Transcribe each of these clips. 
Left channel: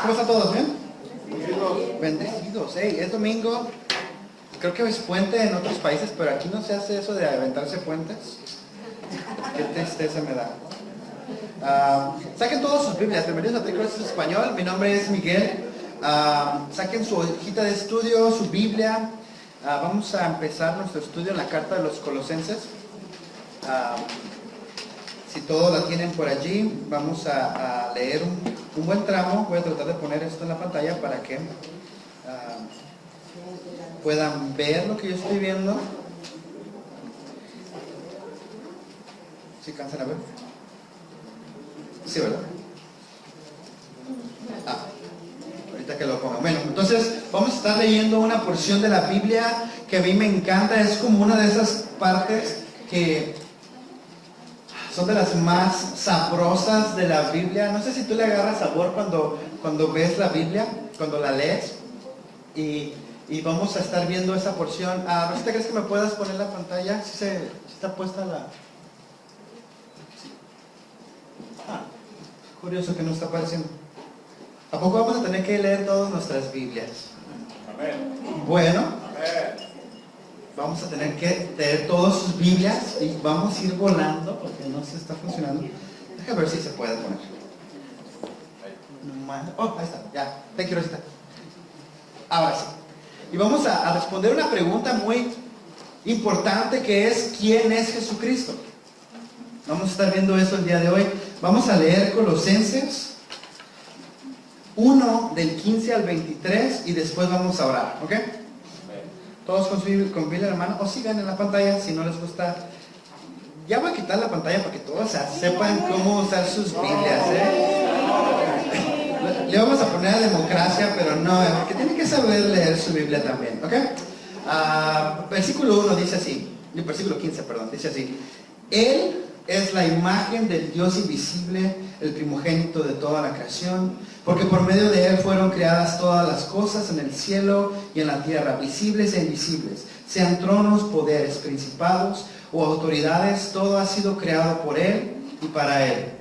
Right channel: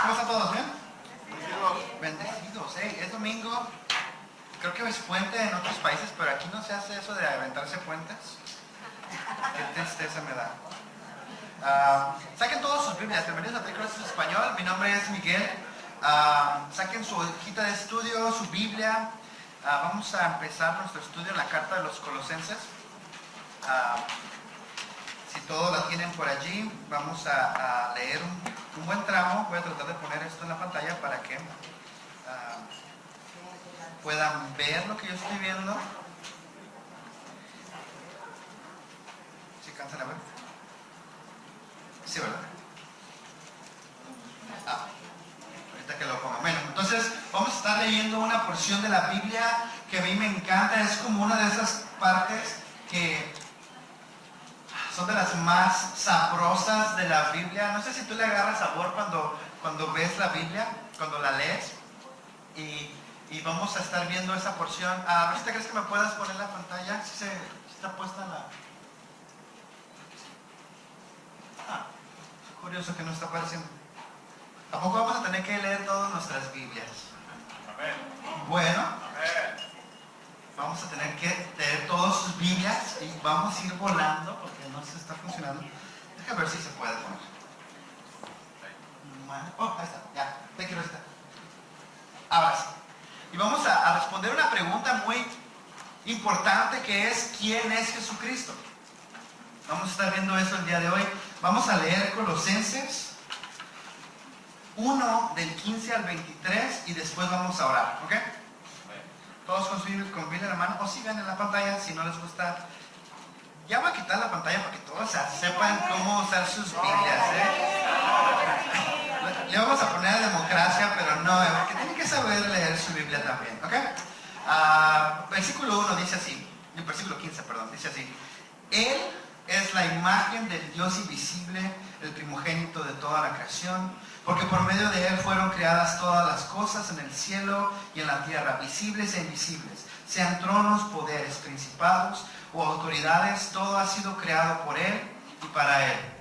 ¿Cómo están todos? ¿Bien? Bendecidos. Hey, es domingo. Creo que es puente en otros países, pero aquí no se hace eso de aventarse puentes. Qué tristeza me da. Saquen todas sus Biblias. Bienvenidos a Tricross Español. Mi nombre es Miguel. Saquen su hojita de estudio, su Biblia. Vamos a empezar nuestro estudio en la carta de los Colosenses. Si todos la tienen por allí, vamos a leer un buen tramo. Voy a tratar de poner esto en la pantalla para que puedan ver lo que yo estoy viendo. ¿Sí cansan a ver? Sí, ¿verdad? Ahorita que lo pongan. Bueno, entonces vamos a estar leyendo una porción de la Biblia que a mí me encanta. Es como una de esas partes que son de las más sabrosas de la Biblia. No sé si tú le agarras sabor cuando ves la Biblia, cuando la lees. Y vamos a estar viendo esa porción. Rosita, ¿crees que me puedas poner la pantalla? ¿Sí está puesta la...? Sí. Curioso que no está apareciendo. ¿A poco vamos a tener que leer todas nuestras Biblias? Bueno, vamos a tener que leer todas sus Biblias y vamos a ir volando porque no se está funcionando. Déjame ver si se puede poner. Oh, ahí está, ya. Te quiero Rosita. Ahora sí. Y vamos a responder una pregunta muy importante que es: ¿quién es Jesucristo? Vamos a estar viendo eso el día de hoy. Vamos a leer Colosenses 1 del 15 al 23 y después vamos a orar, ¿ok? Todos con Biblia en la mano, o sigan en la pantalla si no les gusta. Ya voy a quitar la pantalla para que todos sepan cómo usar sus Biblias, Le vamos a poner a democracia, pero no, porque tienen que saber leer su Biblia también, ¿ok? Versículo 1 dice así, versículo 15, perdón, dice así: Él es la imagen del Dios invisible, el primogénito de toda la creación, porque por medio de Él fueron creadas todas las cosas en el cielo y en la tierra, visibles e invisibles, sean tronos, poderes, principados o autoridades, todo ha sido creado por Él y para Él.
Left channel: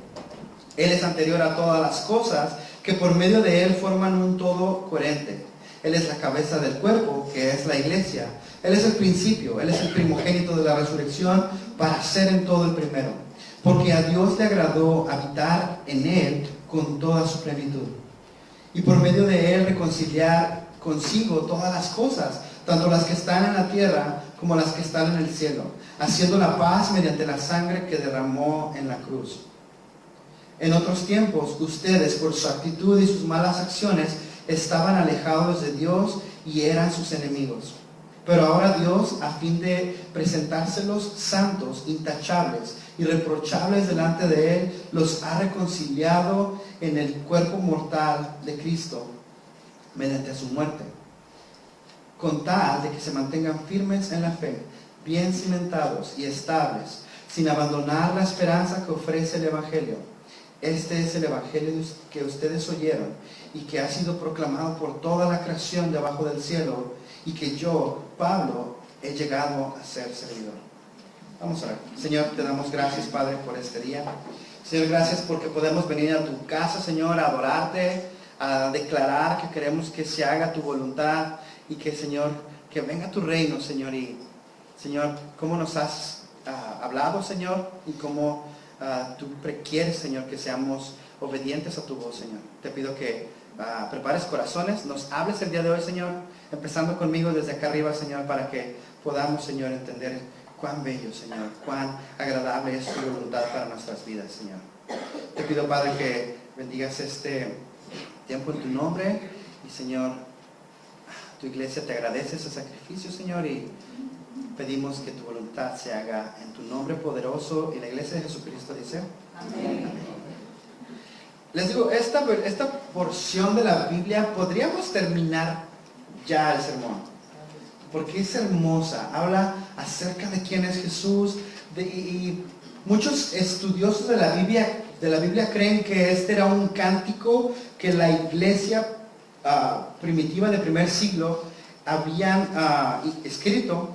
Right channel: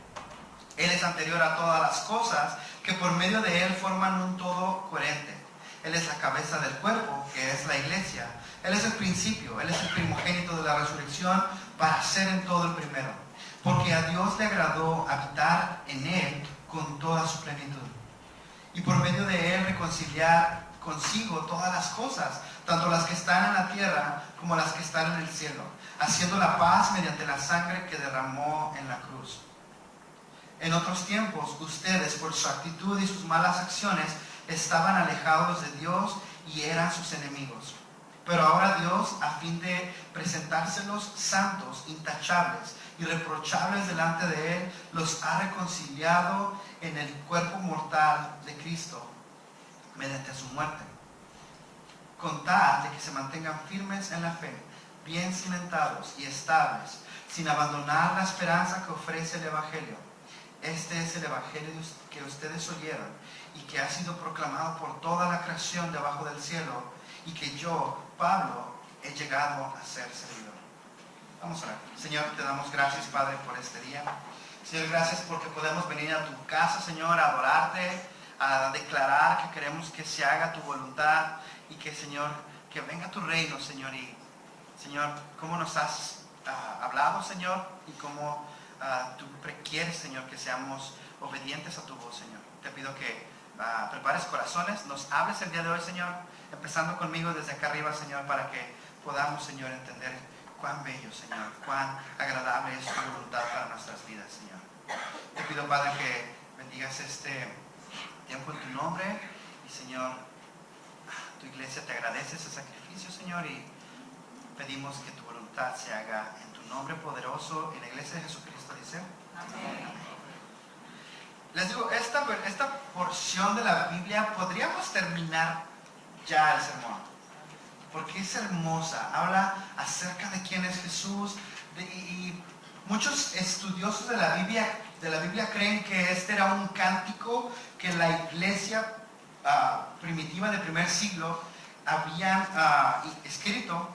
Él es anterior a todas las cosas, que por medio de Él forman un todo coherente. Él es la cabeza del cuerpo, que es la iglesia. Él es el principio, Él es el primogénito de la resurrección, para ser en todo el primero. Porque a Dios le agradó habitar en Él con toda su plenitud. Y por medio de Él reconciliar consigo todas las cosas, tanto las que están en la tierra como las que están en el cielo, haciendo la paz mediante la sangre que derramó en la cruz. En otros tiempos, ustedes, por su actitud y sus malas acciones, estaban alejados de Dios y eran sus enemigos. Pero ahora Dios, a fin de presentárselos santos, intachables, irreprochables delante de Él, los ha reconciliado en el cuerpo mortal de Cristo, mediante su muerte, con tal de que se mantengan firmes en la fe, bien cimentados y estables, sin abandonar la esperanza que ofrece el Evangelio. Este es el Evangelio que ustedes oyeron y que ha sido proclamado por toda la creación debajo del cielo, y que yo, Pablo, he llegado a ser servidor. Vamos a ver. Señor, te damos gracias, Padre, por este día. Señor, gracias porque podemos venir a tu casa, Señor, a adorarte, a declarar que queremos que se haga tu voluntad y que, Señor, que venga tu reino, Señor. Y, Señor, cómo nos has hablado, Señor, y cómo tú quieres, Señor, que seamos obedientes a tu voz, Señor. Te pido que prepares corazones, nos hables el día de hoy, Señor, empezando conmigo desde acá arriba, Señor, para que podamos, Señor, entender cuán bello, Señor, cuán agradable es tu voluntad para nuestras vidas, Señor. Te pido, Padre, que bendigas este tiempo en tu nombre y, Señor, tu iglesia te agradece ese sacrificio, Señor, y pedimos que tu voluntad se haga en tu nombre poderoso. Y la iglesia de Jesucristo dice: amén. Les digo, esta porción de la Biblia podríamos terminar ya el sermón, porque es hermosa. Habla acerca de quién es Jesús, y muchos estudiosos de la Biblia creen que este era un cántico que la iglesia primitiva del primer siglo habían escrito.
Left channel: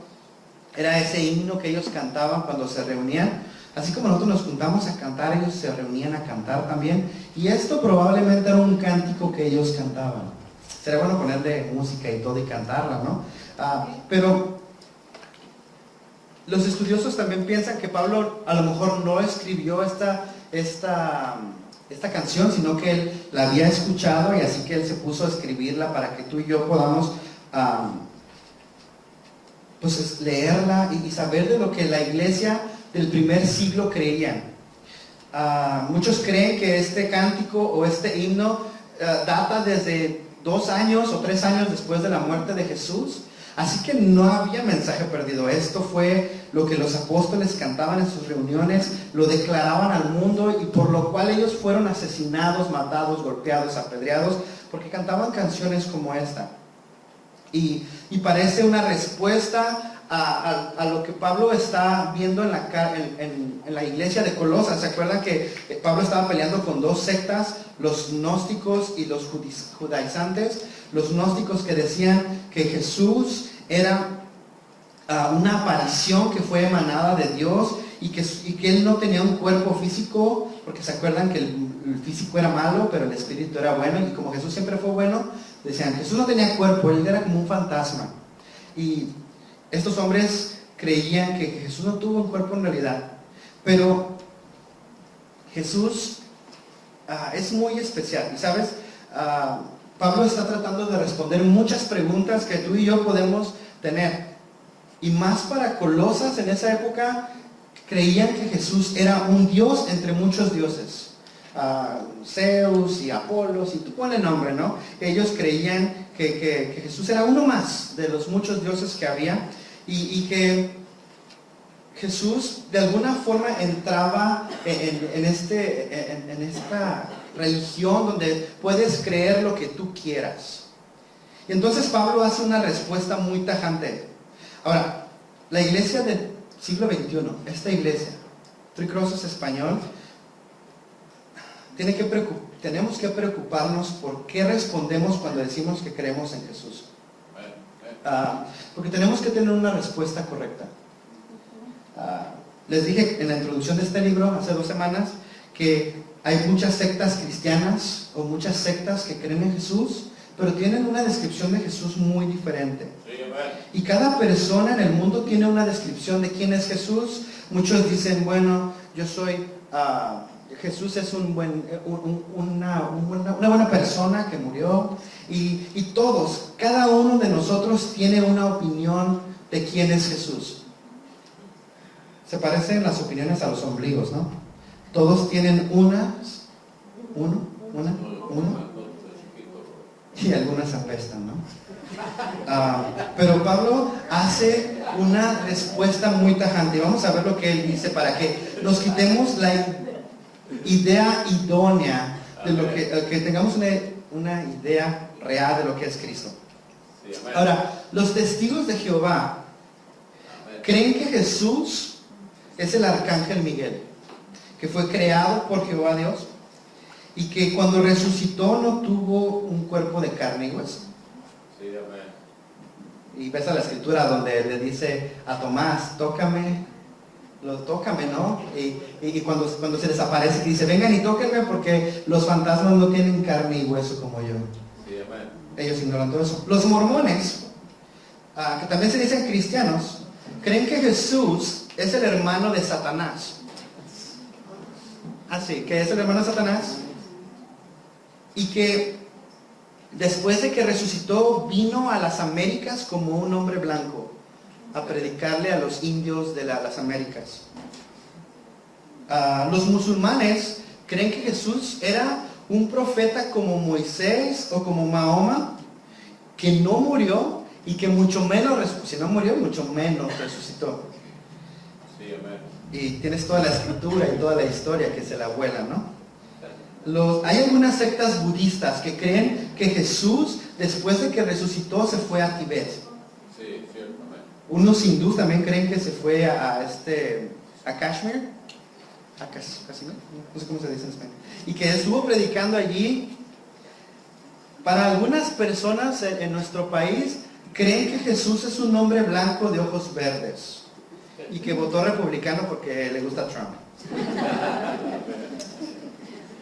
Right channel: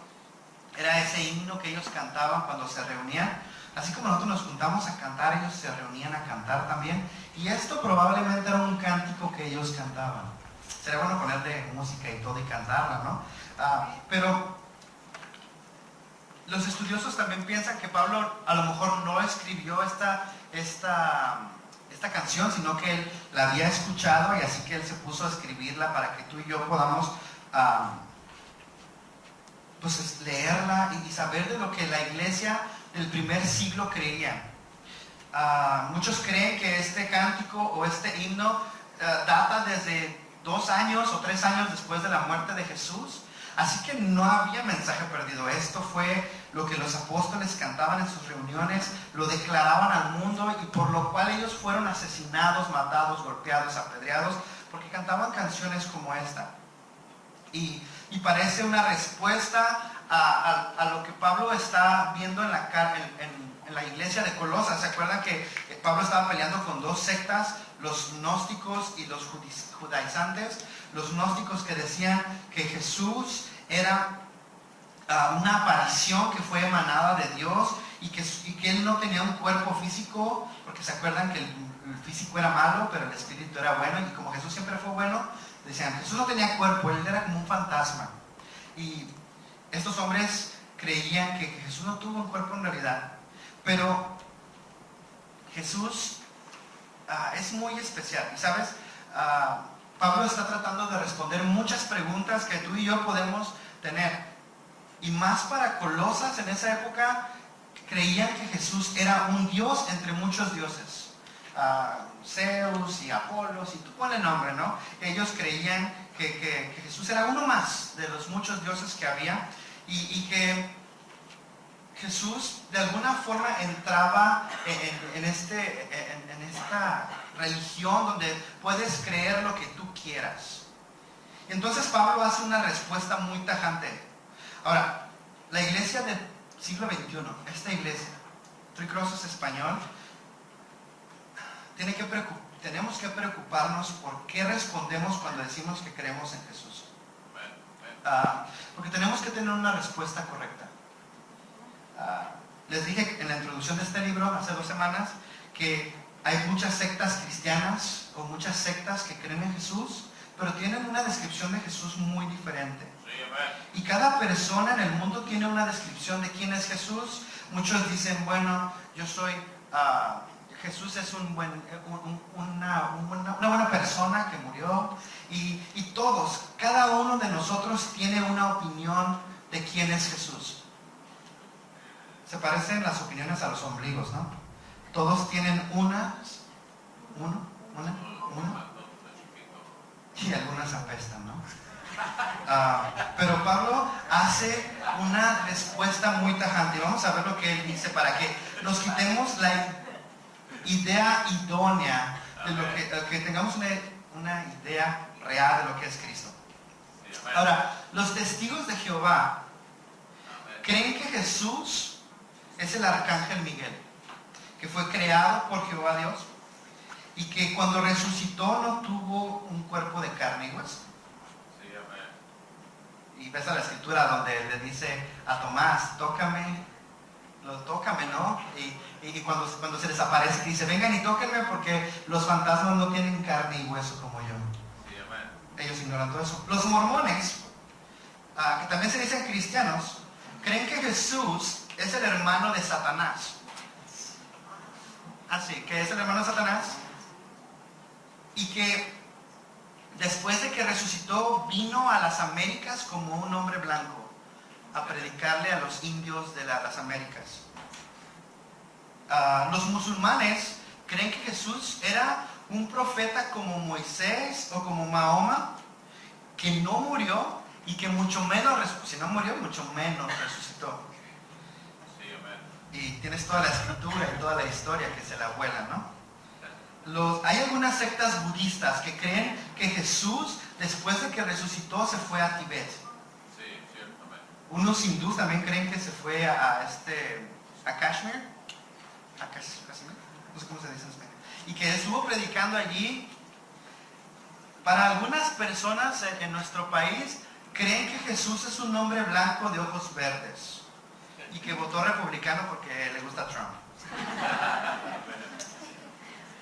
Era ese himno que ellos cantaban cuando se reunían. Así como nosotros nos juntamos a cantar, ellos se reunían a cantar también. Y esto probablemente era un cántico que ellos cantaban. Sería bueno ponerle música y todo y cantarla, ¿no? Pero los estudiosos también piensan que Pablo a lo mejor no escribió esta canción, sino que él la había escuchado y así que él se puso a escribirla para que tú y yo podamos pues leerla y saber de lo que la iglesia del primer siglo creían. Muchos creen que este cántico o este himno data desde 2 años o 3 años después de la muerte de Jesús. Así que no había mensaje perdido. Esto fue lo que los apóstoles cantaban en sus reuniones, lo declaraban al mundo y por lo cual ellos fueron asesinados, matados, golpeados, apedreados, porque cantaban canciones como esta. Y parece una respuesta a lo que Pablo está viendo en la iglesia de Colosas. ¿Se acuerdan que Pablo estaba peleando con 2 sectas, los gnósticos y los judaizantes? Los gnósticos que decían que Jesús era una aparición que fue emanada de Dios y que él no tenía un cuerpo físico, porque se acuerdan que el físico era malo, pero el espíritu era bueno, y como Jesús siempre fue bueno, decían, Jesús no tenía cuerpo, él era como un fantasma. Y estos hombres creían que Jesús no tuvo un cuerpo en realidad, pero Jesús es muy especial. Y sabes, Pablo está tratando de responder muchas preguntas que tú y yo podemos tener. Y más para Colosas en esa época, creían que Jesús era un dios entre muchos dioses. Zeus y Apolos, y tú ponle nombre, ¿no? Ellos creían que Jesús era uno más de los muchos dioses que había, y que Jesús de alguna forma entraba en esta religión donde puedes creer lo que tú quieras. Y entonces Pablo hace una respuesta muy tajante. Ahora, la iglesia del siglo XXI, esta iglesia, Three Crosses Español, tenemos que preocuparnos por qué respondemos cuando decimos que creemos en Jesús. Porque tenemos que tener una respuesta correcta. Les dije en la introducción de este libro hace 2 semanas que hay muchas sectas cristianas o muchas sectas que creen en Jesús, pero tienen una descripción de Jesús muy diferente. Y cada persona en el mundo tiene una descripción de quién es Jesús. Muchos dicen, bueno, yo soy... Jesús es una buena persona que murió, y todos, cada uno de nosotros tiene una opinión de quién es Jesús. Se parecen las opiniones a los ombligos, ¿no? Todos tienen una, y algunas apestan, ¿no? Pero Pablo hace una respuesta muy tajante. Vamos a ver lo que él dice para que nos quitemos la idea idónea de lo que tengamos una idea real de lo que es Cristo. Ahora, los testigos de Jehová creen que Jesús es el arcángel Miguel, que fue creado por Jehová Dios y que cuando resucitó no tuvo un cuerpo de carne y hueso. Y ves a la escritura donde le dice a Tomás, tócame, ¿no? Y cuando se les aparece, dice, vengan y tóquenme porque los fantasmas no tienen carne y hueso como yo. Ellos ignoran todo eso. Los mormones, que también se dicen cristianos, creen que Jesús es el hermano de Satanás. Así, que es el hermano de Satanás, y que después de que resucitó vino a las Américas como un hombre blanco a predicarle a los indios de las Américas. Los musulmanes creen que Jesús era un profeta como Moisés o como Mahoma, que no murió y que mucho menos si no murió, mucho menos resucitó. Sí, amén. Y tienes toda la escritura y toda la historia que se la vuela, ¿no? Hay algunas sectas budistas que creen que Jesús, después de que resucitó, se fue a Tibet. Sí, cierto, amén. Unos hindús también creen que se fue a Kashmir. Kashmir, no sé cómo se dice en español. Y que estuvo predicando allí. Para algunas personas en nuestro país, creen que Jesús es un hombre blanco de ojos verdes y que votó republicano porque le gusta Trump.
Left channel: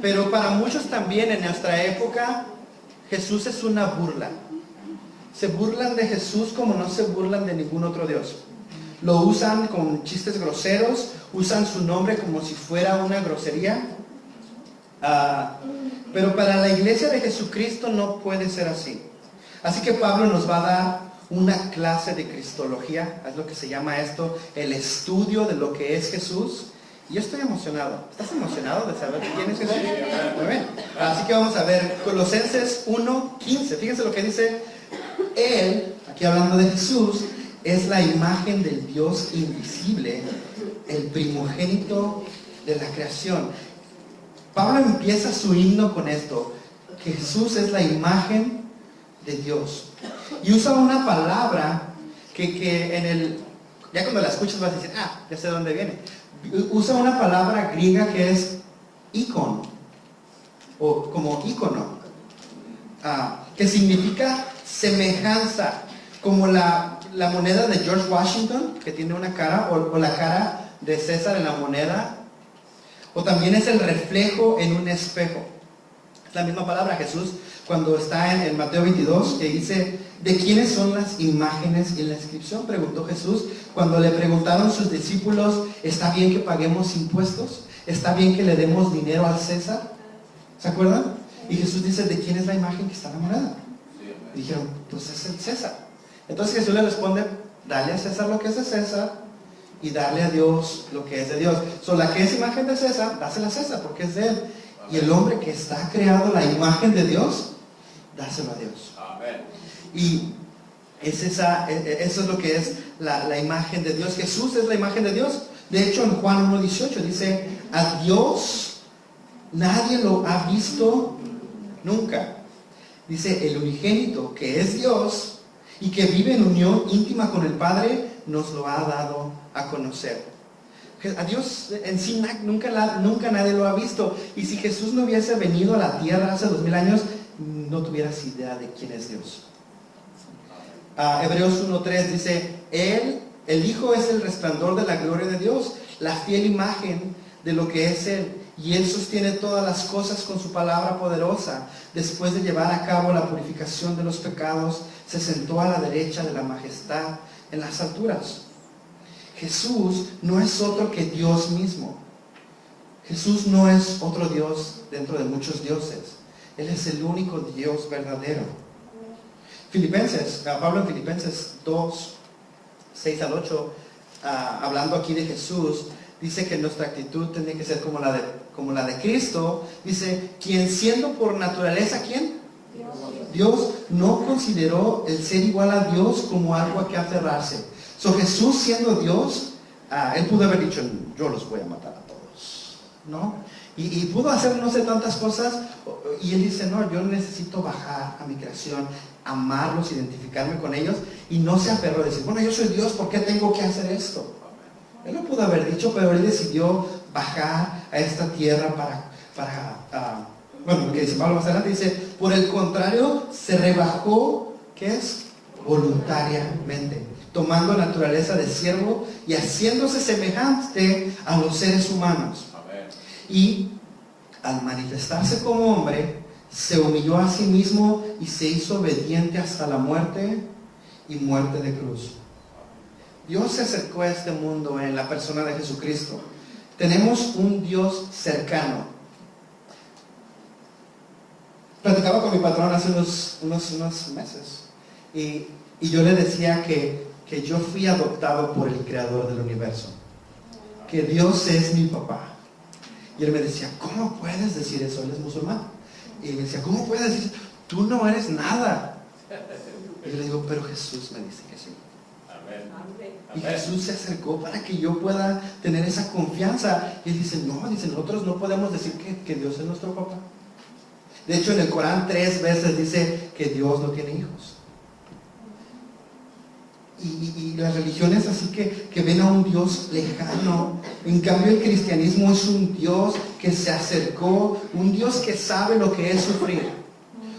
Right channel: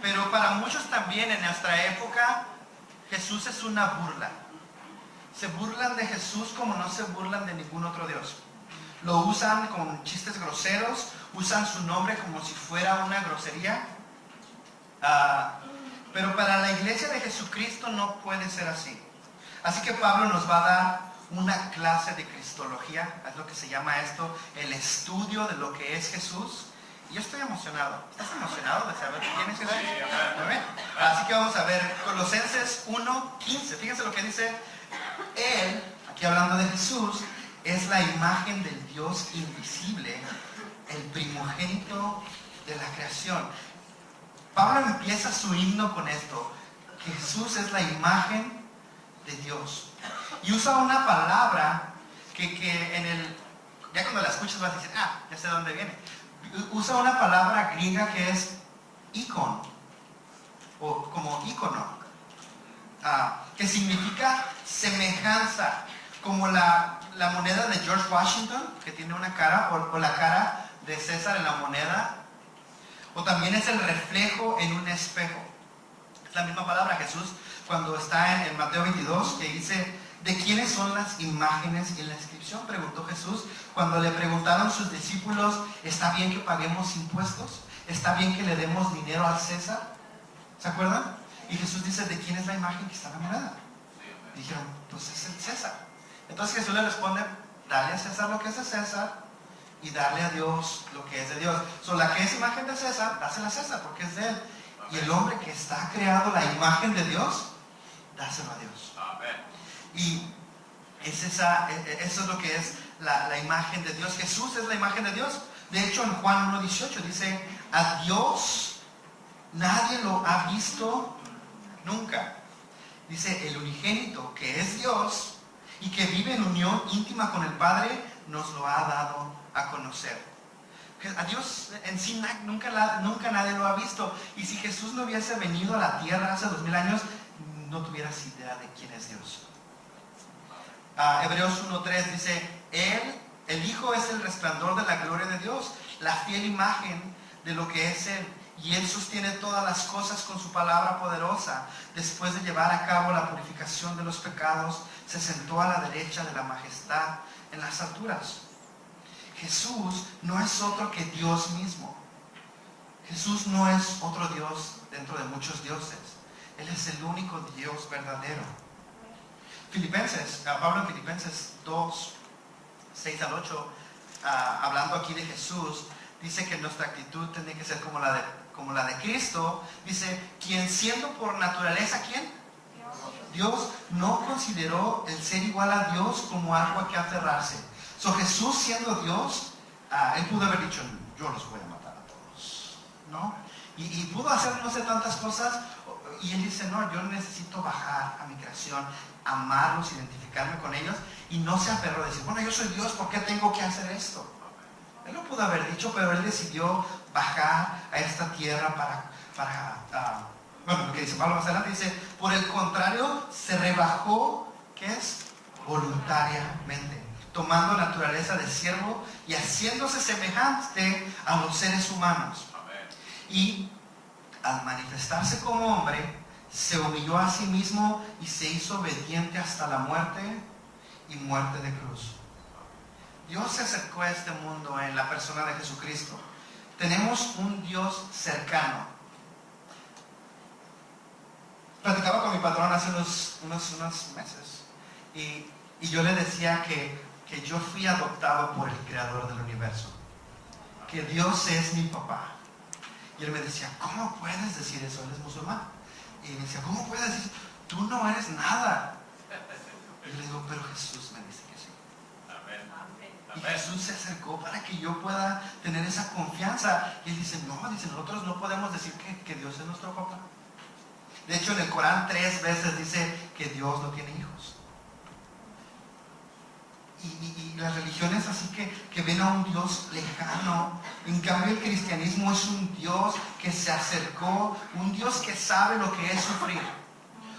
Pero para muchos también en nuestra época, Jesús es una burla. Se burlan de Jesús como no se burlan de ningún otro Dios. Lo usan con chistes groseros, usan su nombre como si fuera una grosería. Pero para la iglesia de Jesucristo no puede ser así. Así que Pablo nos va a dar una clase de cristología, es lo que se llama esto, el estudio de lo que es Jesús. Y yo estoy emocionado. ¿Estás emocionado de saber quién es Jesús? Muy bien. Así que vamos a ver Colosenses 1:15. Fíjense lo que dice. Él, aquí hablando de Jesús, es la imagen del Dios invisible, el primogénito de la creación. Pablo empieza su himno con esto, que Jesús es la imagen de Dios. Y usa una palabra que en el, ya cuando la escuchas vas a decir, ya sé de dónde viene. Usa una palabra griega que es icon, o como ícono, que significa semejanza, como la moneda de George Washington, que tiene una cara, o la cara de César en la moneda, o también es el reflejo en un espejo. Es la misma palabra. Jesús, cuando está en Mateo 22, que dice, ¿de quiénes son las imágenes en la inscripción? Preguntó Jesús, cuando le preguntaron sus discípulos, ¿está bien que paguemos impuestos? ¿Está bien que le demos dinero al César? ¿Se acuerdan? Y Jesús dice, ¿de quién es la imagen que está en la moneda? Y dijeron, pues es el César. Entonces Jesús le responde, dale a César lo que es de César y darle a Dios lo que es de Dios. La que es imagen de César, dásela a César porque es de él. Y el hombre que está creado la imagen de Dios, dáselo a Dios. Amén. Y eso es lo que es la imagen de Dios. Jesús es la imagen de Dios. De hecho, en Juan 1:18 dice, a Dios nadie lo ha visto nunca. Dice, el unigénito, que es Dios y que vive en unión íntima con el Padre, nos lo ha dado a conocer. A Dios en sí nunca nadie lo ha visto. Y si Jesús no hubiese venido a la tierra hace 2000 años, no tuvieras idea de quién es Dios. Hebreos 1:3 dice, el Hijo es el resplandor de la gloria de Dios, la fiel imagen de lo que es Él. Y Él sostiene todas las cosas con su palabra poderosa. Después de llevar a cabo la purificación de los pecados, se sentó a la derecha de la majestad en las alturas. Jesús no es otro que Dios mismo. Jesús no es otro Dios dentro de muchos dioses. Él es el único Dios verdadero. Pablo en Filipenses 2:6-8, hablando aquí de Jesús, dice que nuestra actitud tiene que ser como la de Cristo. Dice, quien siendo por naturaleza, ¿quién? Dios no consideró el ser igual a Dios como algo a que aferrarse. Jesús siendo Dios, Él pudo haber dicho, yo los voy a matar a todos, ¿no? Y pudo hacer no sé tantas cosas. Y Él dice, no, yo necesito bajar a mi creación, amarlos, identificarme con ellos. Y no se aferró a decir, bueno, yo soy Dios, ¿por qué tengo que hacer esto? Él lo pudo haber dicho, pero Él decidió bajar a esta tierra bueno, lo que dice Pablo más adelante, dice, por el contrario, se rebajó, ¿qué es? Voluntariamente, tomando naturaleza de siervo y haciéndose semejante a los seres humanos. Amén. Y al manifestarse como hombre, se humilló a sí mismo y se hizo obediente hasta la muerte y muerte de cruz. Dios se acercó a este mundo en la persona de Jesucristo. Tenemos un Dios cercano. Platicaba con mi patrón hace unos meses y yo le decía que yo fui adoptado por el creador del universo, que Dios es mi papá. Y él me decía, ¿cómo puedes decir eso? Él es musulmán. Y me decía, ¿cómo puedes decir eso? Tú no eres nada. Y yo le digo, pero Jesús me dice que sí. Amén. Y Jesús se acercó para que yo pueda tener esa confianza. Y él dice, nosotros no podemos decir que Dios es nuestro papá. De hecho, en el Corán 3 veces dice que Dios no tiene hijos. Y las religiones así que ven a un Dios lejano. En cambio, el cristianismo es un Dios que se acercó, un Dios que sabe lo que es sufrir,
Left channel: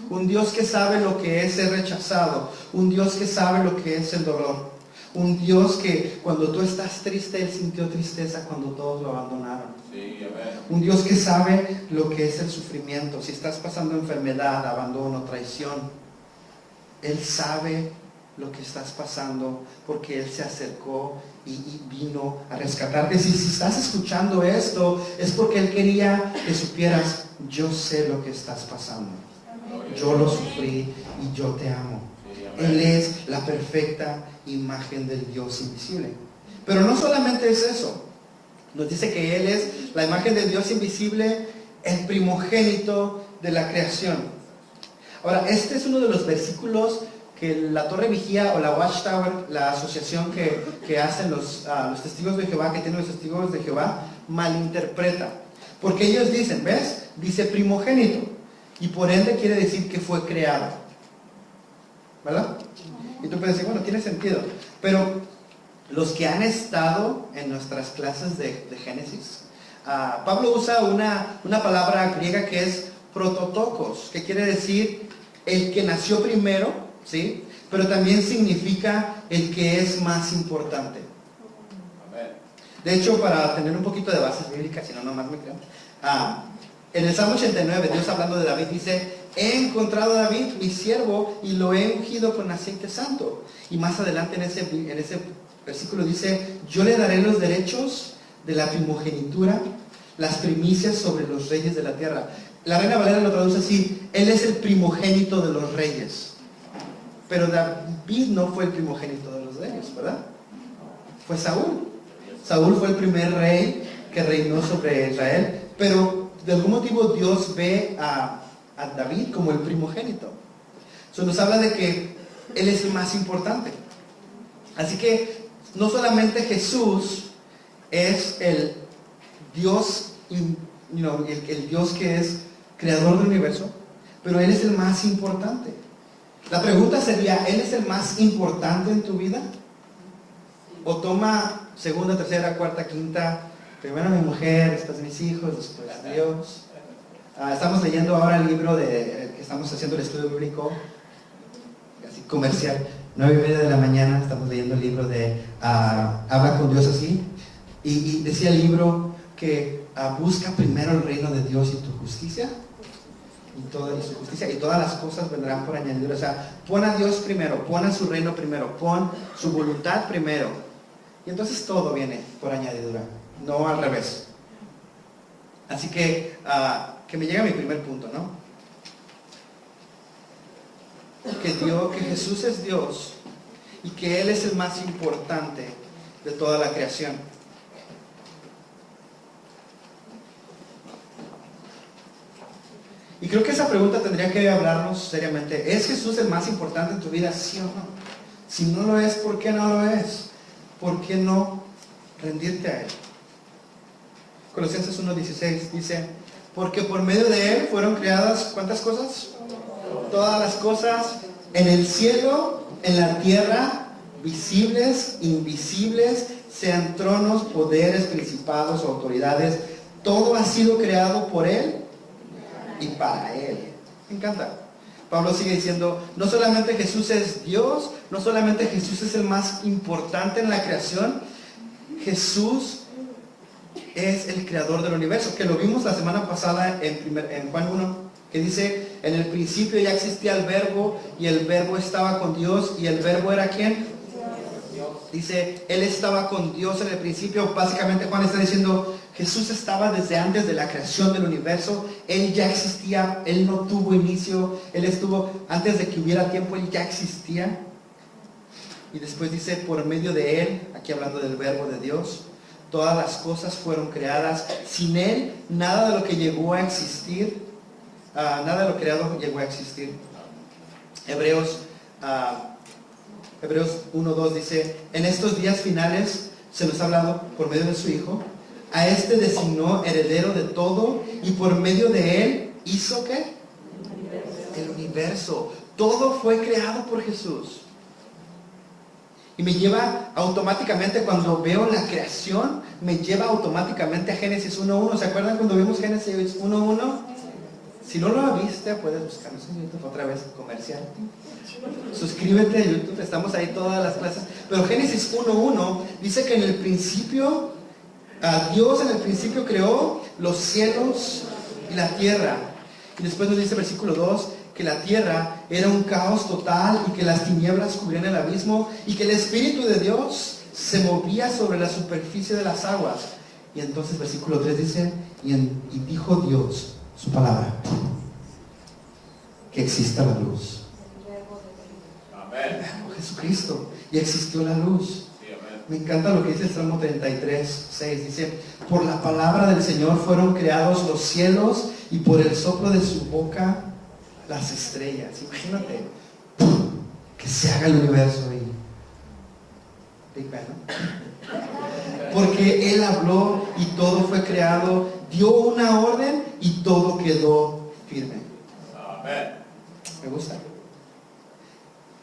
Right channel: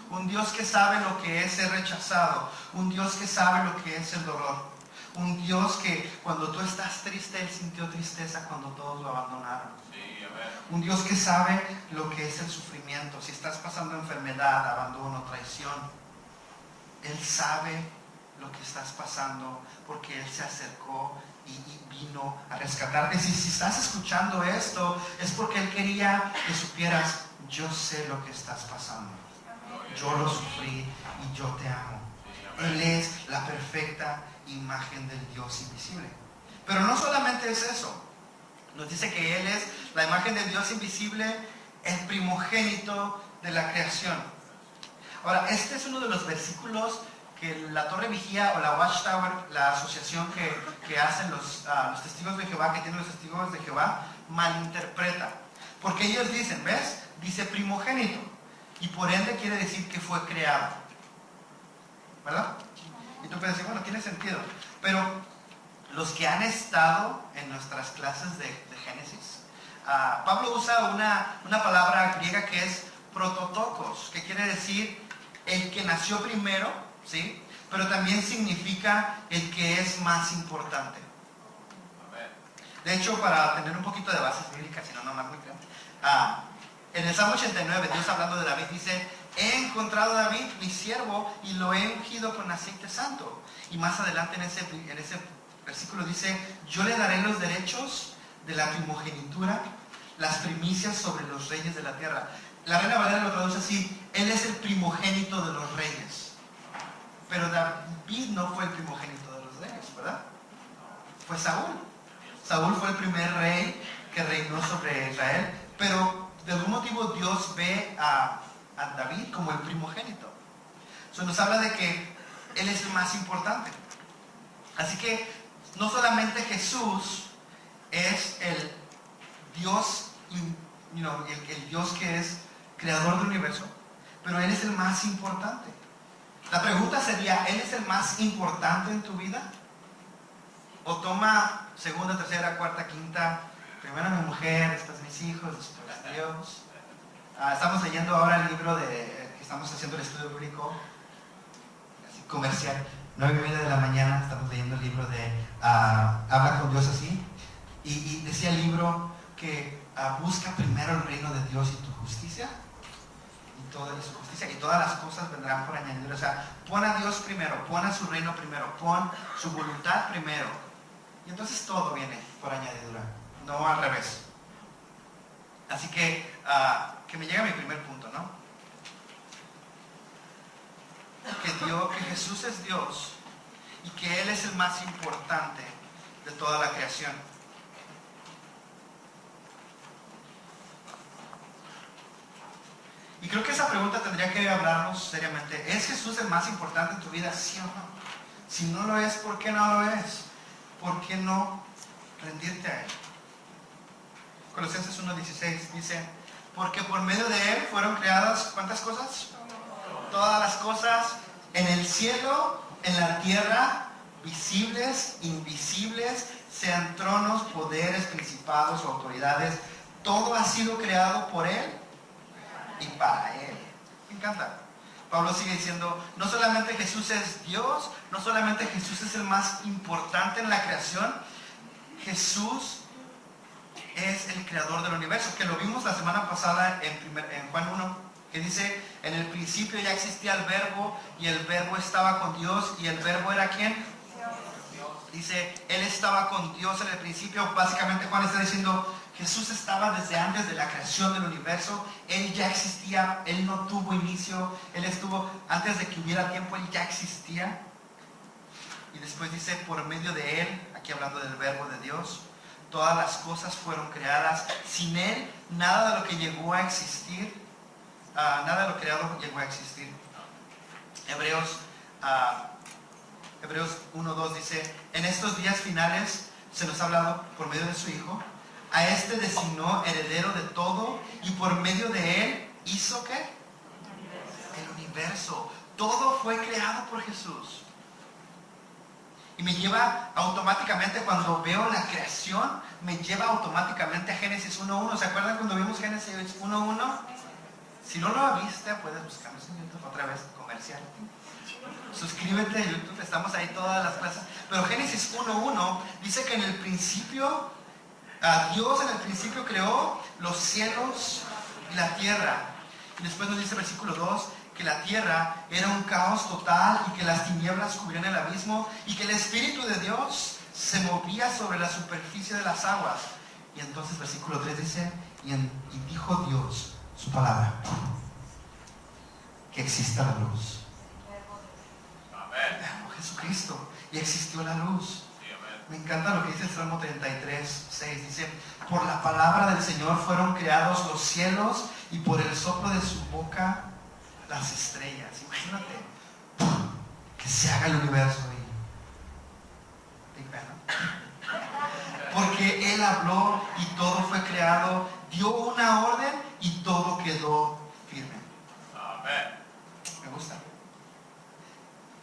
un Dios que sabe lo que es ser rechazado, un Dios que sabe lo que es el dolor, un Dios que cuando tú estás triste, Él sintió tristeza cuando todos lo abandonaron. Sí, amén. Un Dios que sabe lo que es el sufrimiento. Si estás pasando enfermedad, abandono, traición, Él sabe lo que estás pasando porque Él se acercó y vino a rescatarte. Si estás escuchando esto, es porque Él quería que supieras, yo sé lo que estás pasando. Yo lo sufrí y yo te amo. Él es la perfecta imagen del Dios invisible. Pero no solamente es eso. Nos dice que Él es la imagen del Dios invisible, el primogénito de la creación. Ahora, este es uno de los versículos que la Torre Vigía o la Watchtower, la asociación que hacen los testigos de Jehová, que tienen los testigos de Jehová, malinterpreta. Porque ellos dicen, ¿ves? Dice primogénito. Y por ende quiere decir que fue creado. ¿Verdad? Y tú puedes decir, bueno, tiene sentido. Pero los que han estado en nuestras clases de Génesis, Pablo usa una palabra griega que es prototokos, que quiere decir el que nació primero, ¿sí? Pero también significa el que es más importante. De hecho, para tener un poquito de bases bíblicas, si no, nomás me crean, en el Salmo 89, Dios hablando de David dice, he encontrado a David, mi siervo, y lo he ungido con aceite santo. Y más adelante en ese versículo dice, yo le daré los derechos de la primogenitura, las primicias sobre los reyes de la tierra. La Reina Valera lo traduce así, Él es el primogénito de los reyes. Pero David no fue el primogénito de los reyes, ¿verdad? Fue Saúl. Saúl fue el primer rey que reinó sobre Israel, pero de algún motivo Dios ve a David como el primogénito. Eso nos habla de que Él es el más importante. Así que no solamente Jesús es el Dios, el Dios que es creador del universo, pero Él es el más importante. La pregunta sería, ¿Él es el más importante en tu vida? ¿O toma segunda, tercera, cuarta, quinta, primero mi mujer, después mis hijos, después Dios? Estamos leyendo ahora el libro que estamos haciendo el estudio bíblico, así comercial, 9:30 de la mañana, estamos leyendo el libro de Habla con Dios así, y decía el libro que busca primero el reino de Dios y tu justicia, y su justicia, y todas las cosas vendrán por añadidura. O sea, pon a Dios primero, pon a su reino primero, pon su voluntad primero, y entonces todo viene por añadidura, no al revés. Así que me llega mi primer punto, ¿no? Que Jesús es Dios y que Él es el más importante de toda la creación. Y creo que esa pregunta tendría que hablarnos seriamente. ¿Es Jesús el más importante en tu vida? ¿Sí o no? Si no lo es, ¿por qué no lo es? ¿Por qué no rendirte a Él? Colosenses 1:16 dice, porque por medio de Él fueron creadas, ¿cuántas cosas? Todas las cosas en el cielo, en la tierra, visibles, invisibles, sean tronos, poderes, principados, autoridades, todo ha sido creado por Él y para Él. Me encanta. Pablo sigue diciendo, no solamente Jesús es Dios, no solamente Jesús es el más importante en la creación, Jesús es el creador del universo, que lo vimos la semana pasada en Juan 1, que dice, en el principio ya existía el verbo, y el verbo estaba con Dios, y el verbo era ¿quién? Dios. Dice, Él estaba con Dios en el principio. Básicamente Juan está diciendo, Jesús estaba desde antes de la creación del universo, Él ya existía, Él no tuvo inicio, Él estuvo, antes de que hubiera tiempo, Él ya existía. Y después dice, por medio de Él, aquí hablando del verbo de Dios, todas las cosas fueron creadas. Sin Él, nada de lo que llegó a existir, nada de lo creado llegó a existir. Hebreos 1:2 dice, en estos días finales se nos ha hablado por medio de su Hijo, a este designó heredero de todo, y por medio de Él hizo ¿qué? El universo. Todo fue creado por Jesús. Y me lleva automáticamente, cuando veo la creación, me lleva automáticamente a Génesis 1:1. ¿Se acuerdan cuando vimos Génesis 1:1? Si no lo viste, puedes buscarnos en YouTube otra vez, comercial. Suscríbete a YouTube, estamos ahí todas las clases. Pero Génesis 1:1 dice que en el principio Dios en el principio creó los cielos y la tierra. Y después nos dice el versículo 2 que la tierra era un caos total y que las tinieblas cubrían el abismo y que el Espíritu de Dios se movía sobre la superficie de las aguas. Y entonces versículo 3 dice, y dijo Dios su palabra, que exista la luz. Amén. Jesucristo, y existió la luz. Sí, amén. Me encanta lo que dice el Salmo 33, 6. Dice, por la palabra del Señor fueron creados los cielos y por el soplo de su boca las estrellas. Imagínate, que se haga el universo y Big Bang, ¿no? Porque Él habló y todo fue creado, dio una orden y todo quedó firme. Amén. Me gusta.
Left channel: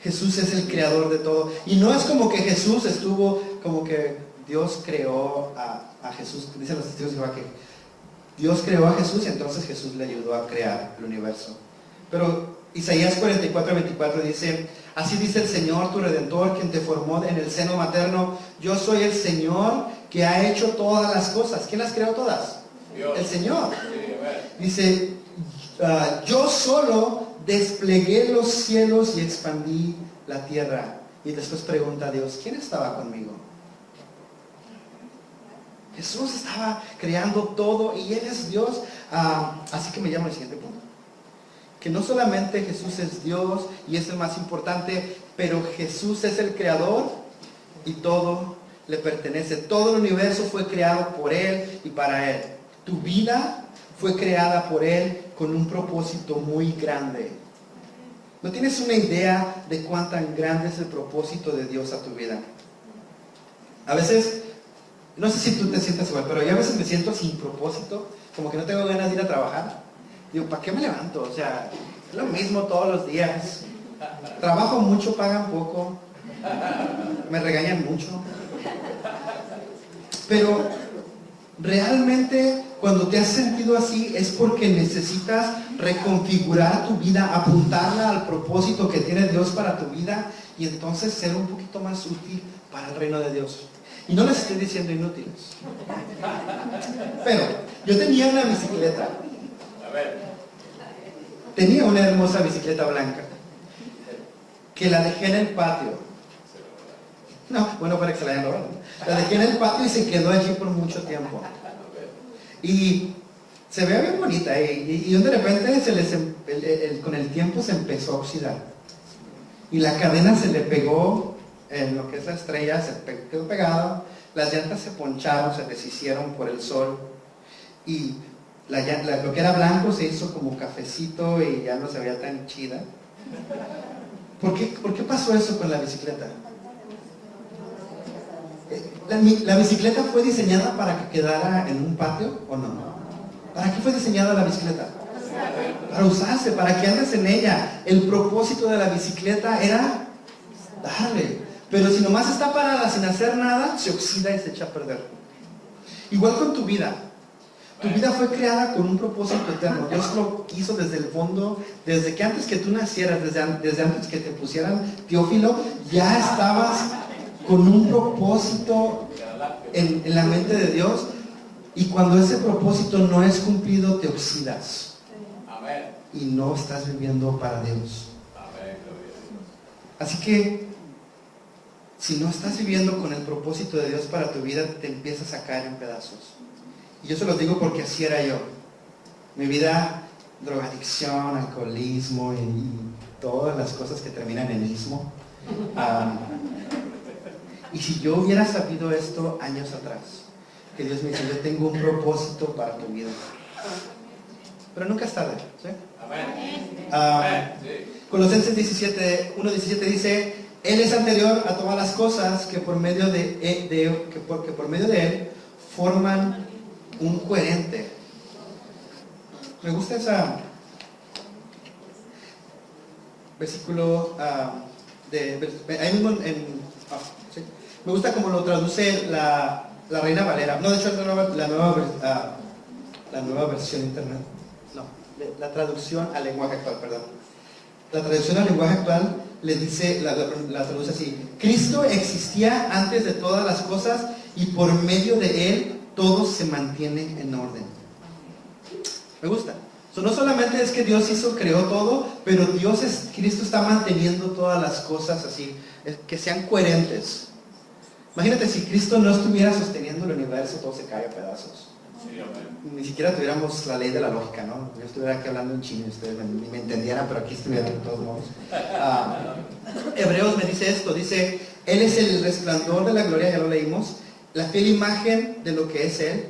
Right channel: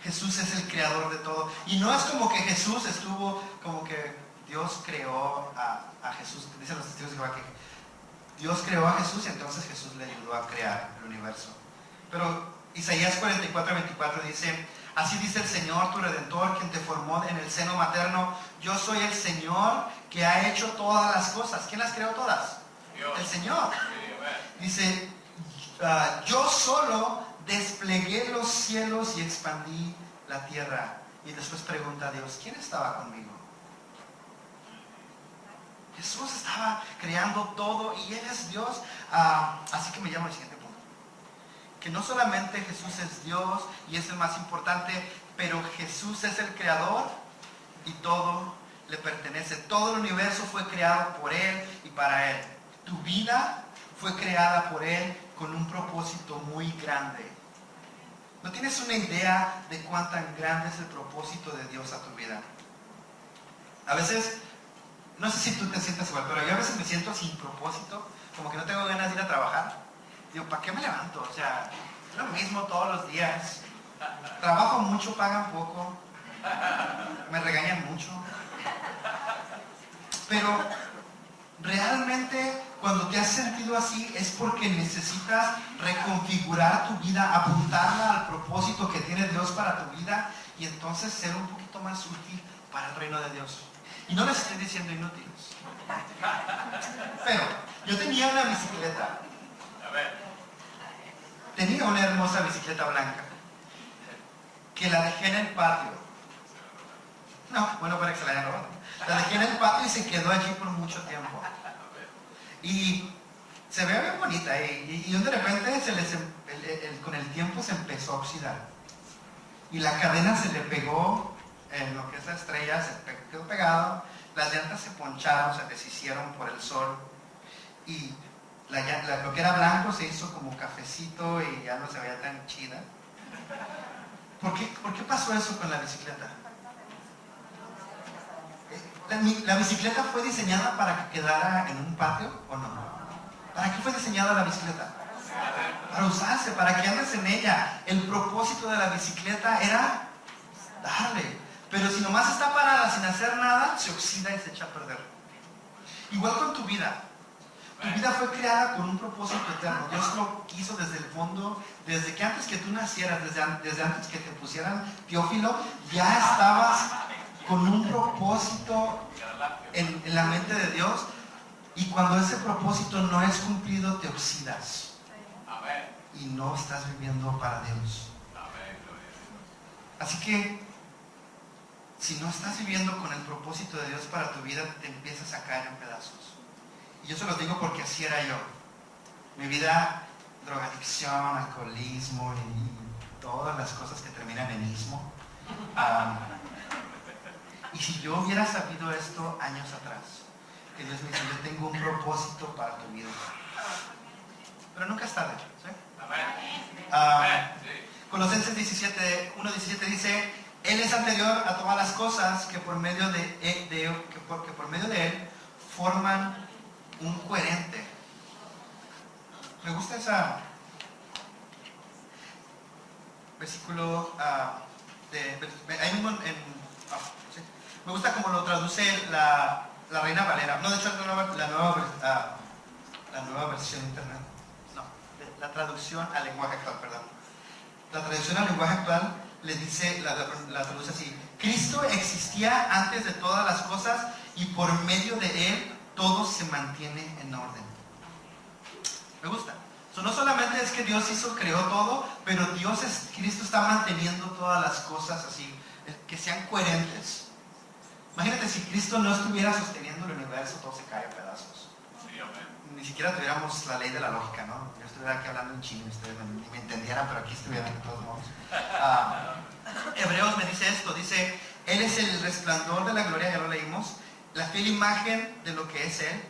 Jesús es el creador de todo. Y no es como que Jesús estuvo, como que Dios creó a Jesús. Dicen los testigos de Jehová que Dios creó a Jesús y entonces Jesús le ayudó a crear el universo. Pero Isaías 44:24 dice, así dice el Señor, tu Redentor, quien te formó en el seno materno. Yo soy el Señor que ha hecho todas las cosas. ¿Quién las creó todas? Dios. El Señor. Sí, amén. Dice, yo solo desplegué los cielos y expandí la tierra. Y después pregunta a Dios, ¿quién estaba conmigo? Jesús estaba creando todo y Él es Dios. Así que me llamo al siguiente punto. Que no solamente Jesús es Dios y es el más importante, pero Jesús es el creador y todo le pertenece. Todo el universo fue creado por Él y para Él. Tu vida fue creada por Él con un propósito muy grande. ¿No tienes una idea de cuán tan grande es el propósito de Dios a tu vida? A veces, no sé si tú te sientas igual, pero yo a veces me siento sin propósito, como que no tengo ganas de ir a trabajar. Digo, ¿para qué me levanto? O sea, es lo mismo todos los días. Trabajo mucho, pagan poco. Me regañan mucho. Pero realmente cuando te has sentido así es porque necesitas reconfigurar tu vida, apuntarla al propósito que tiene Dios para tu vida y entonces ser un poquito más útil para el reino de Dios. Y no les estoy diciendo inútiles. Pero yo tenía una bicicleta. Tenía una hermosa bicicleta blanca que la dejé en el patio. No, bueno, para que se la hayan robado. La dejé en el patio y se quedó allí por mucho tiempo. Y se ve bien bonita. Y de repente con el tiempo se empezó a oxidar. Y la cadena se le pegó en lo que es la estrella, quedó pegado. Las llantas se poncharon, se deshicieron por el sol. Y lo que era blanco se hizo como cafecito y ya no se veía tan chida. ¿Por qué pasó eso con la bicicleta? ¿La bicicleta fue diseñada para que quedara en un patio o no? ¿Para qué fue diseñada la bicicleta? Para usarse, para que andes en ella. El propósito de la bicicleta era darle. Pero si nomás está parada sin hacer nada, se oxida y se echa a perder. Igual con tu vida. Tu vida fue creada con un propósito eterno. Dios lo quiso desde el fondo, desde que antes que tú nacieras, desde antes que te pusieran Teófilo, ya estabas con un propósito en la mente de Dios. Y cuando ese propósito no es cumplido, te oxidas. Y no estás viviendo para Dios. Así que, si no estás viviendo con el propósito de Dios para tu vida, te empiezas a caer en pedazos. Y yo se los digo porque así era yo. Mi vida, drogadicción, alcoholismo y todas las cosas que terminan en ismo. Y si yo hubiera sabido esto años atrás, que Dios me dice, yo tengo un propósito para tu vida. Pero nunca es tarde, ¿sí? Colosenses 1:17 dice, Él es anterior a todas las cosas que por medio de Él forman un coherente. Me gusta ese versículo ahí mismo ¿sí? Me gusta como lo traduce la Reina Valera. No, de hecho es la nueva versión internet. No, la traducción al lenguaje actual, perdón. La traducción al lenguaje actual le dice, la traduce así: Cristo existía antes de todas las cosas y por medio de Él todo se mantiene en orden. Me gusta. No solamente es que Dios creó todo, pero Cristo está manteniendo todas las cosas así, que sean coherentes. Imagínate si Cristo no estuviera sosteniendo el universo, todo se cae a pedazos. Sí, amén. Ni siquiera tuviéramos la ley de la lógica, ¿no? Yo estuviera aquí hablando en chino y ustedes ni me entendieran, pero aquí estuvieran de todos modos. Hebreos me dice esto, dice, Él es el resplandor de la gloria, ya lo leímos, la fiel imagen de lo que es Él,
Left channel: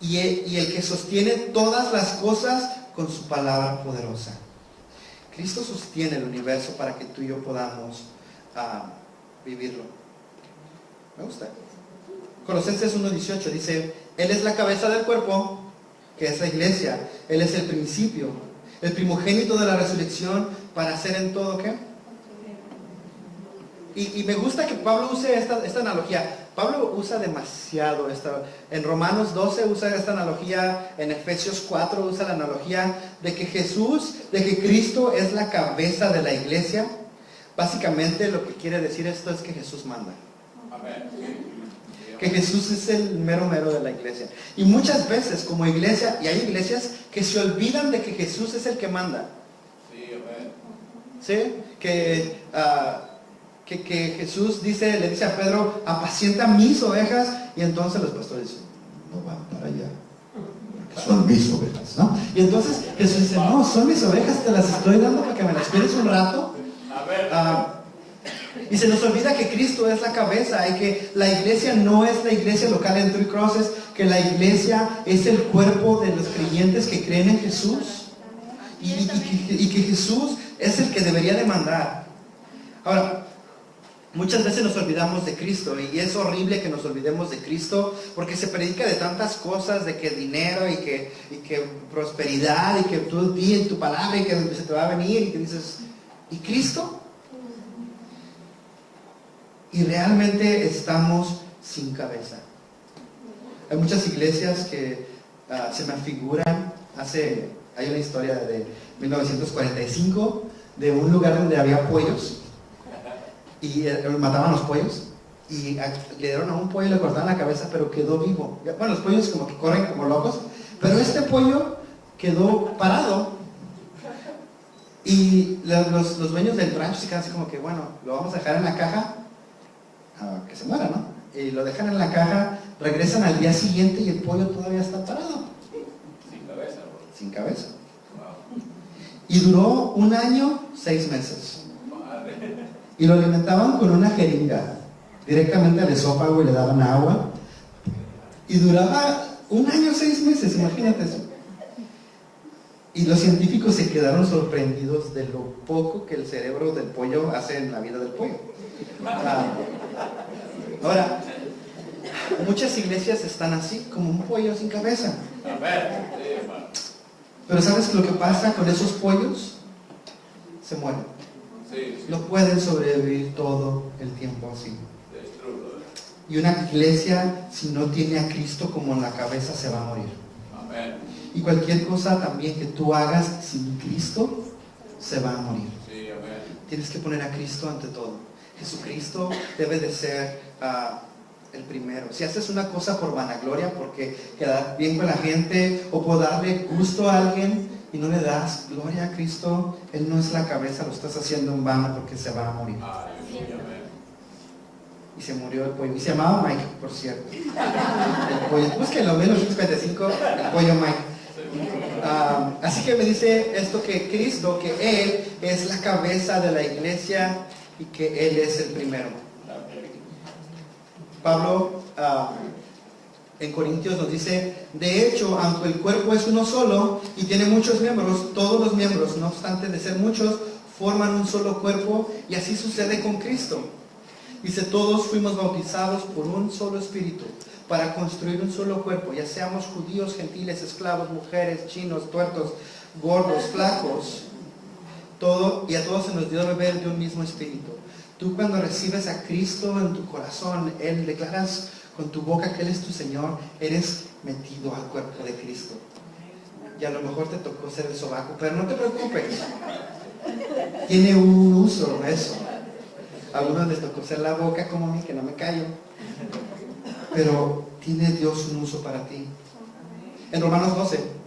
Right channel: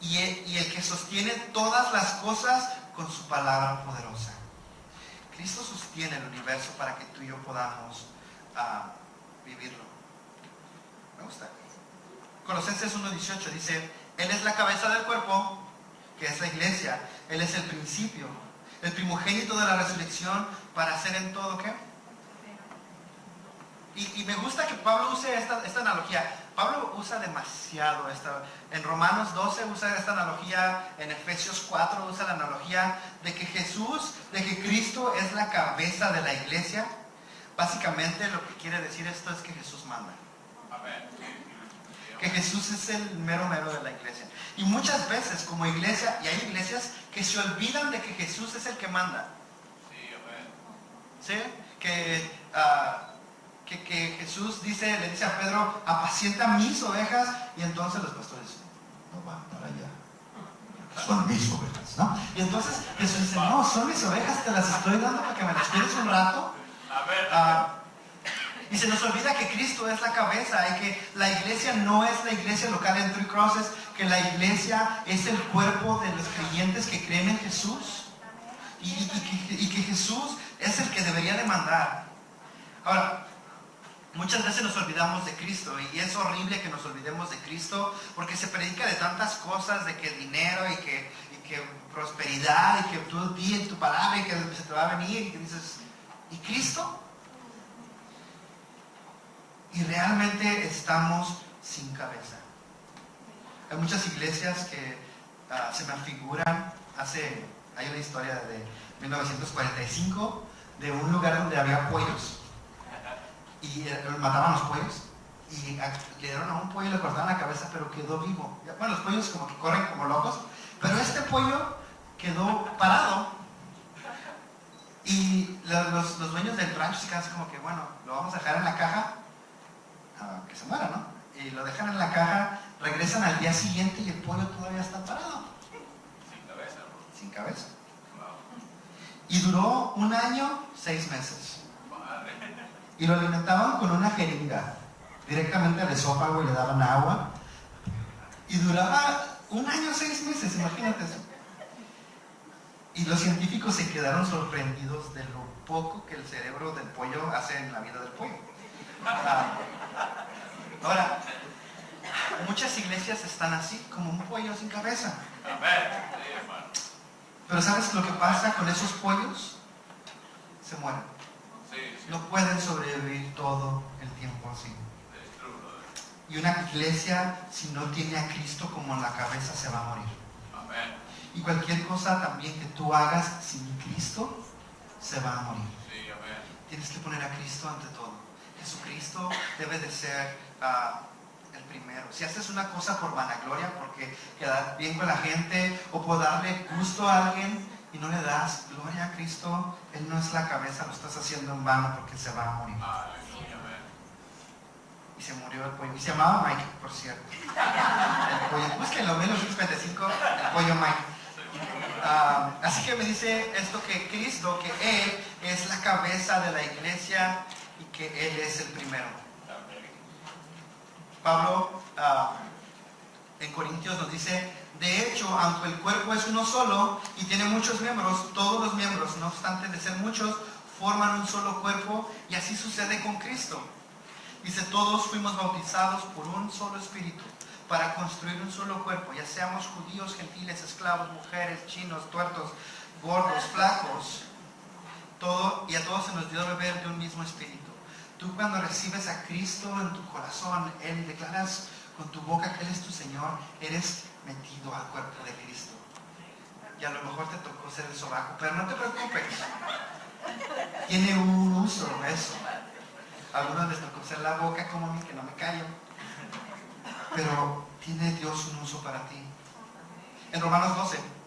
y el que sostiene todas las cosas con su palabra poderosa. Cristo sostiene el universo para que tú y yo podamos vivirlo. Me gusta. Colosenses 1:18 dice, Él es la cabeza del cuerpo, que es la iglesia. Él es el principio, el primogénito de la resurrección, para hacer en todo, ¿qué? Y me gusta que Pablo use esta analogía. Pablo usa demasiado en Romanos 12 usa esta analogía, en Efesios 4 usa la analogía de que Cristo es la cabeza de la iglesia. Básicamente lo que quiere decir esto es que Jesús manda. Amén. Que Jesús es el mero de la iglesia. Y muchas veces como iglesia, y hay iglesias que se olvidan de que Jesús es el que manda. Sí, amén. ¿Sí? Que Jesús le dice a Pedro, apacienta mis ovejas, y entonces los pastores dicen, no van para allá, son mis ovejas, ¿no? Y entonces Jesús dice, no, son mis ovejas, te las estoy dando para que me las cuides un rato. Y se nos olvida que Cristo es la cabeza y que la iglesia no es la iglesia local en Three Crosses, que la iglesia es el cuerpo de los creyentes que creen en Jesús y que Jesús es el que debería de mandar. Ahora, muchas veces nos olvidamos de Cristo y es horrible que nos olvidemos de Cristo porque se predica de tantas cosas, de que dinero y que prosperidad y que tú di en tu palabra y que se te va a venir y que dices, ¿y Cristo? Y realmente estamos sin cabeza. Hay muchas iglesias que se me figuran, hay una historia de 1945 de un lugar donde había pollos y mataban los pollos y le dieron a un pollo y le cortaron la cabeza, pero quedó vivo. Bueno, los pollos como que corren como locos, pero este pollo quedó parado y los dueños del rancho se quedan así como que, bueno, lo vamos a dejar en la caja que se muera, ¿no? Y lo dejan en la caja, regresan al día siguiente y el pollo todavía está parado. Sin cabeza, bro. Sin cabeza. Wow. Y duró 1 año, 6 meses. Madre. Y lo alimentaban con una jeringa, directamente al esófago y le daban agua. Y duraba 1 año, 6 meses, imagínate eso. Y los científicos se quedaron sorprendidos de lo poco que el cerebro del pollo hace en la vida del pollo. Ahora, muchas iglesias están así, como un pollo sin cabeza. Amén. Sí, hermano. Pero ¿sabes lo que pasa con esos pollos? Se mueren. Sí, sí. No pueden sobrevivir todo el tiempo así. It's true, brother. Y una iglesia, si no tiene a Cristo como en la cabeza, se va a morir. Amén. Y cualquier cosa también que tú hagas sin Cristo, se va a morir. Sí, amén. Tienes que poner a Cristo ante todo. Jesucristo debe de ser el primero. Si haces una cosa por vanagloria, porque quedar bien con la gente o por darle gusto a alguien y no le das gloria a Cristo, Él no es la cabeza, lo estás haciendo en vano porque se va a morir. Aleluya, amén. Y se murió el pollo. Y se llamaba Mike, por cierto. El pollo. Búsquenlo, 1955, el pollo Mike. Así que me dice esto que Cristo, que Él es la cabeza de la iglesia y que Él es el primero. Pablo en Corintios nos dice, de hecho, aunque el cuerpo es uno solo y tiene muchos miembros, todos los miembros, no obstante de ser muchos, forman un solo cuerpo, y así sucede con Cristo. Dice, todos fuimos bautizados por un solo espíritu para construir un solo cuerpo, ya seamos judíos, gentiles, esclavos, mujeres, chinos, tuertos, gordos, flacos, y a todos se nos dio a beber de un mismo espíritu. Tú cuando recibes a Cristo en tu corazón, Él declaras con tu boca que Él es tu Señor, eres metido al cuerpo de Cristo. Y a lo mejor te tocó ser el sobaco, pero no te preocupes. Tiene un uso eso. A algunos les tocó ser la boca como a mí, que no me callo. Pero tiene Dios un uso para ti. En Romanos 12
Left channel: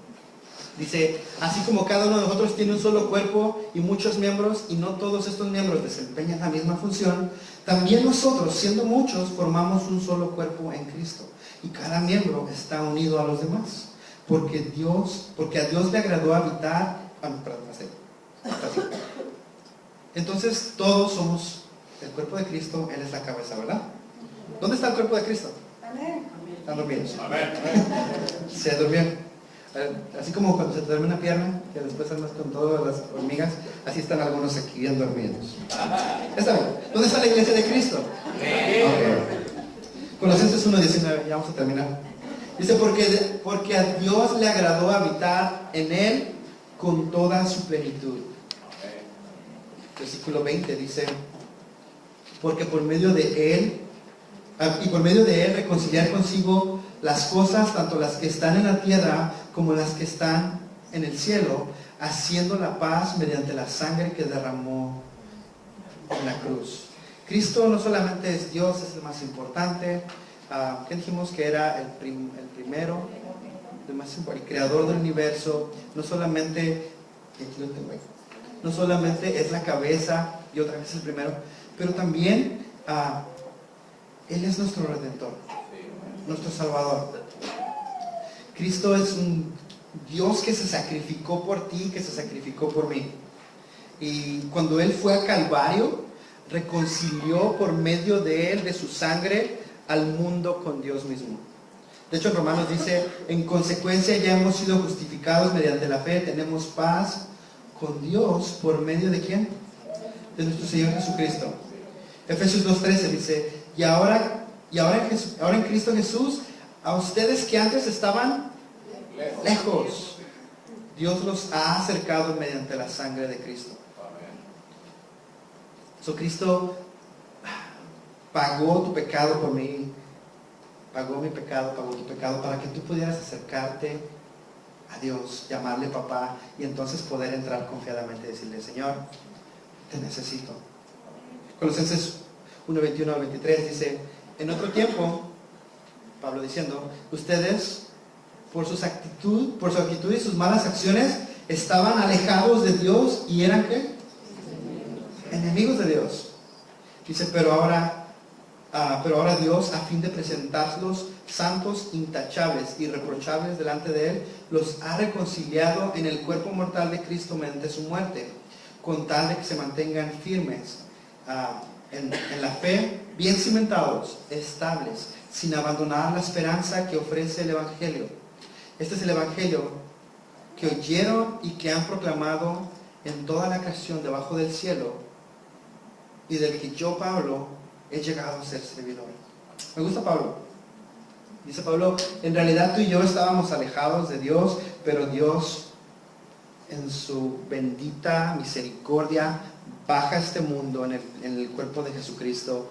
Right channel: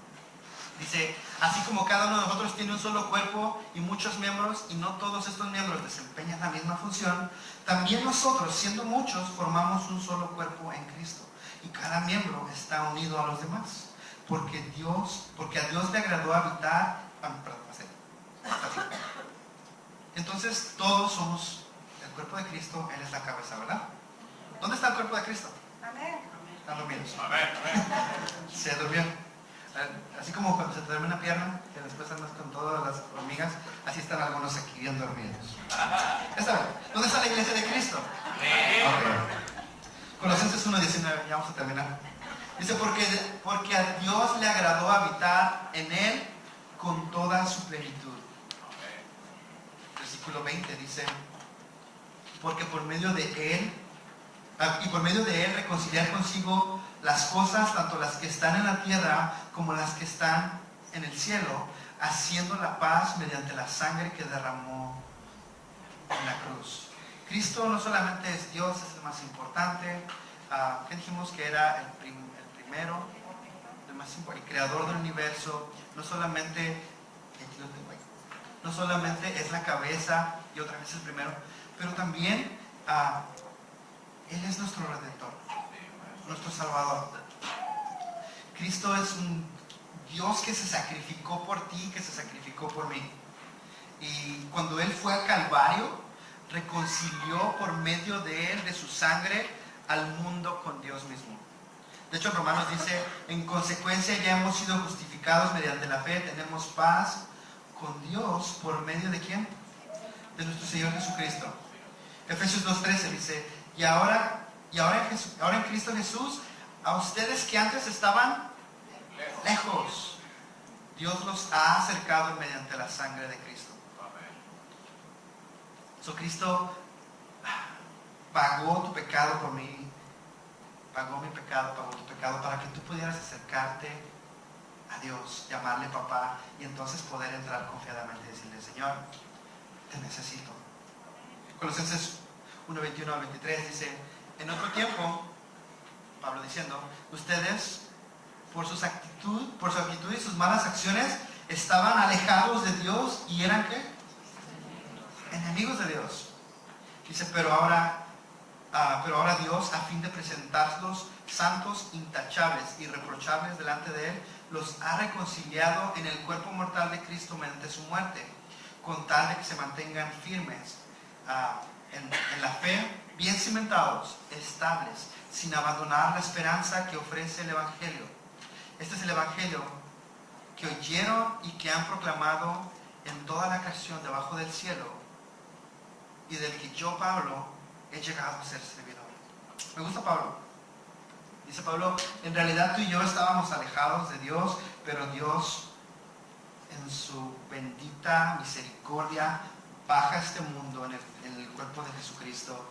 dice, así como cada uno de nosotros tiene un solo cuerpo y muchos miembros, y no todos estos miembros desempeñan la misma función, también nosotros, siendo muchos, formamos un solo cuerpo en Cristo. Y cada miembro está unido a los demás. Porque a Dios le agradó habitar. Así. Entonces todos somos el cuerpo de Cristo, Él es la cabeza, ¿verdad? ¿Dónde está el cuerpo de Cristo? Amén. Están dormidos. Amén. Se durmieron. Así como cuando se te duerme una pierna, que después andas con todas las hormigas, así están algunos aquí bien dormidos. Está bien. ¿Dónde está la iglesia de Cristo? Okay. Colosenses 1:19, ya vamos a terminar. Dice, porque a Dios le agradó habitar en Él con toda su plenitud. Versículo 20 dice, porque por medio de Él, y por medio de Él reconciliar consigo las cosas, tanto las que están en la tierra como las que están en el cielo, haciendo la paz mediante la sangre que derramó en la cruz. Cristo no solamente es Dios, es el más importante. ¿Qué dijimos? Que era el primero, el creador del universo. No solamente, aquí lo tengo ahí, no solamente es la cabeza y otra vez el primero, pero también Él es nuestro Redentor, nuestro Salvador. Cristo es un Dios que se sacrificó por ti, que se sacrificó por mí. Y cuando Él fue a Calvario, reconcilió por medio de Él, de su sangre, al mundo con Dios mismo. De hecho, en Romanos dice, en consecuencia ya hemos sido justificados mediante la fe, tenemos paz con Dios por medio de ¿quién? De nuestro Señor Jesucristo. Efesios 2:13 dice, y ahora en Cristo Jesús, a ustedes que antes estaban lejos, Dios los ha acercado mediante la sangre de Cristo. Cristo pagó tu pecado por mí, pagó mi pecado, pagó tu pecado para que tú pudieras acercarte a Dios, llamarle papá y entonces poder entrar confiadamente y decirle, Señor, te necesito. Colosenses 1:21 al 23 dice, en otro tiempo, Pablo diciendo, ustedes por su actitud y sus malas acciones estaban alejados de Dios y eran ¿qué? Enemigos de Dios. Dice, pero ahora Dios, a fin de presentarlos santos, intachables, irreprochables delante de Él, los ha reconciliado en el cuerpo mortal de Cristo mediante su muerte, con tal de que se mantengan firmes en la fe, bien cimentados, estables, sin abandonar la esperanza que ofrece el Evangelio. Este es el Evangelio que oyeron y que han proclamado en toda la creación debajo del cielo, y del que yo, Pablo, he llegado a ser servidor. Me gusta Pablo. Dice Pablo, en realidad tú y yo estábamos alejados de Dios, pero Dios en su bendita misericordia baja a este mundo en el cuerpo de Jesucristo.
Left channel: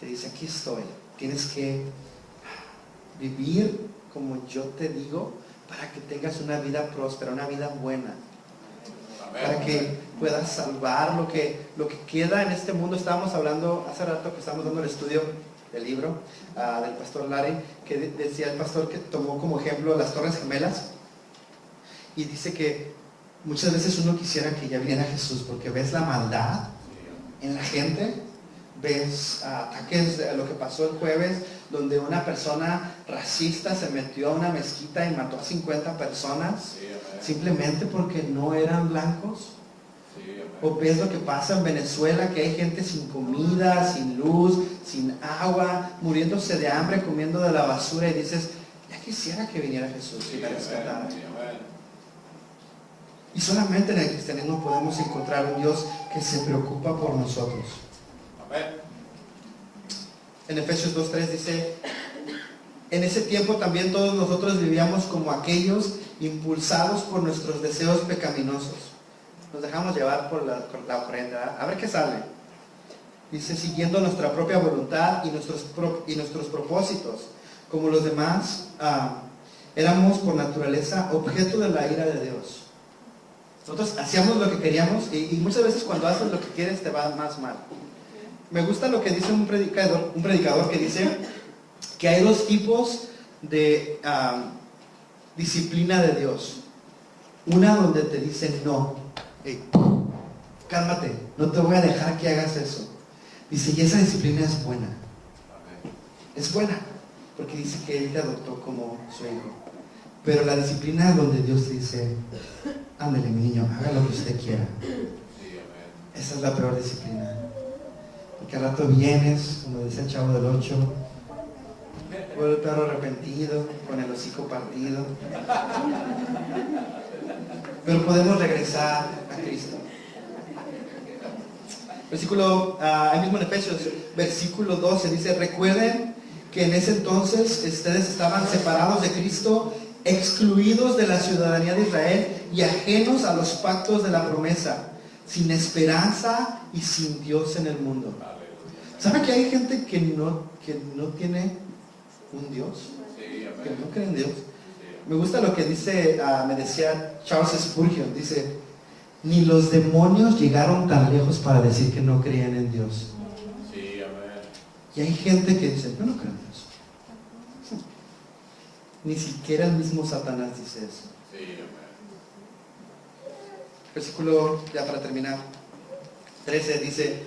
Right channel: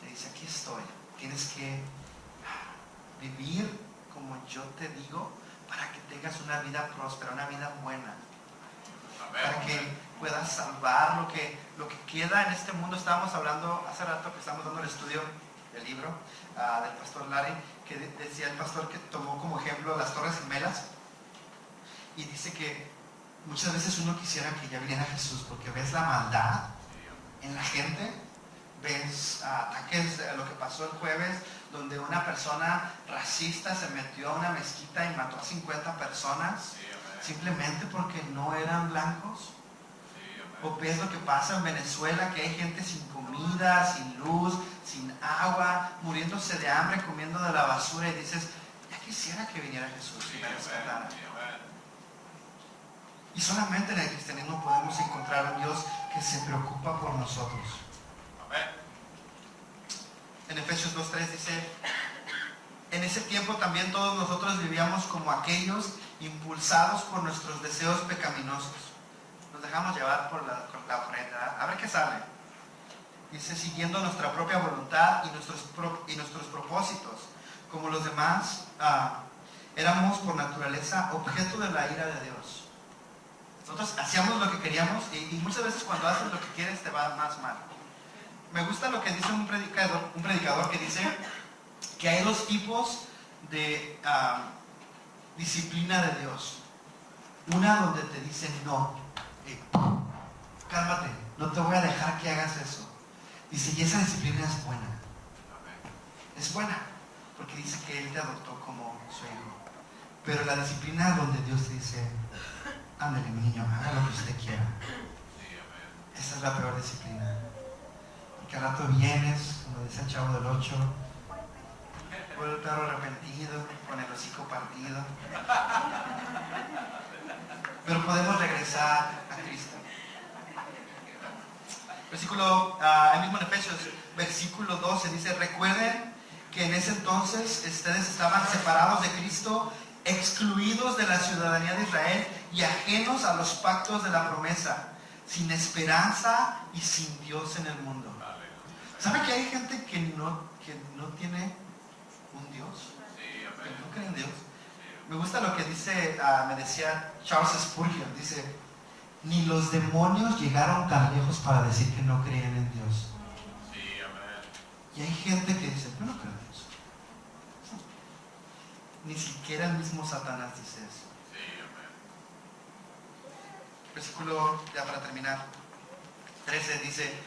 Te dice, aquí estoy. Tienes que vivir como yo te digo para que tengas una vida próspera, una vida buena. Para que puedas salvar lo que queda en este mundo. Estábamos hablando hace rato que estábamos dando el estudio del libro del pastor Larry, que decía el pastor que tomó como ejemplo las Torres Gemelas, y dice que muchas veces uno quisiera que ya viniera Jesús, porque ves la maldad en la gente, ves ataques, lo que pasó el jueves, donde una persona racista se metió a una mezquita y mató a 50 personas, simplemente porque no eran blancos. O ves lo que pasa en Venezuela, que hay gente sin comida, sin luz, sin agua, muriéndose de hambre, comiendo de la basura, y dices, ya quisiera que viniera Jesús y me rescatara. Y solamente en el cristianismo podemos encontrar un Dios que se preocupa por nosotros. En Efesios 2:3 dice, en ese tiempo también todos nosotros vivíamos como aquellos impulsados por nuestros deseos pecaminosos. Nos dejamos llevar por la ofrenda. A ver qué sale. Dice, siguiendo nuestra propia voluntad y nuestros propósitos. Como los demás, éramos por naturaleza objeto de la ira de Dios. Nosotros hacíamos lo que queríamos y muchas veces cuando haces lo que quieres te va más mal. Me gusta lo que dice un predicador que dice que hay dos tipos de disciplina de Dios. Una donde te dicen no. Hey, cálmate, no te voy a dejar que hagas eso. Dice, y esa disciplina es buena. Es buena, porque dice que Él te adoptó como su hijo. Pero la disciplina donde Dios te dice, ándale mi niño, haga lo que usted quiera. Esa es la peor disciplina. Porque al rato vienes, como dice el Chavo del 8, con el perro arrepentido, con el hocico partido. Pero podemos regresar a Cristo. Versículo, ahí mismo en Efesios, versículo 12, dice, recuerden que en ese entonces ustedes estaban separados de Cristo, excluidos de la ciudadanía de Israel y ajenos a los pactos de la promesa, sin esperanza y sin Dios en el mundo. ¿Sabe que hay gente que no tiene un Dios? Que no cree en Dios. Me gusta lo que dice, me decía Charles Spurgeon, dice, ni los demonios llegaron tan lejos para decir que no creían en Dios. Sí, amén. Y hay gente que dice, yo no creo en Dios. Ni siquiera el mismo Satanás dice eso. Sí, amén. Versículo, ya para terminar, 13 dice,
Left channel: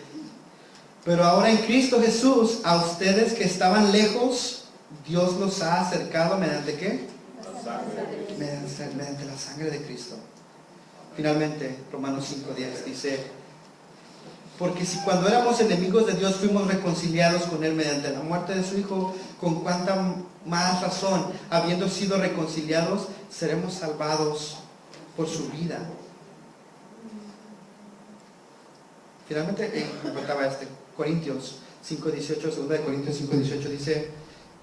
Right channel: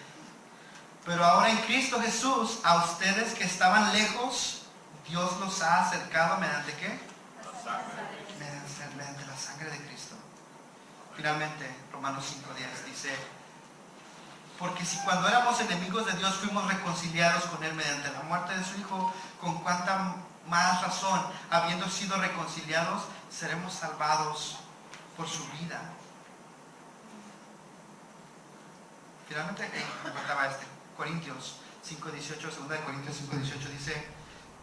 pero ahora en Cristo Jesús, a ustedes que estaban lejos, Dios los ha acercado mediante ¿qué? La sangre de Cristo. Mediante la sangre de Cristo. Finalmente, Romanos 5:10 dice, porque si cuando éramos enemigos de Dios fuimos reconciliados con Él mediante la muerte de su Hijo, con cuánta más razón, habiendo sido reconciliados, seremos salvados por su vida. Finalmente, me faltaba Corintios 5:18, 2 de Corintios 5:18 dice,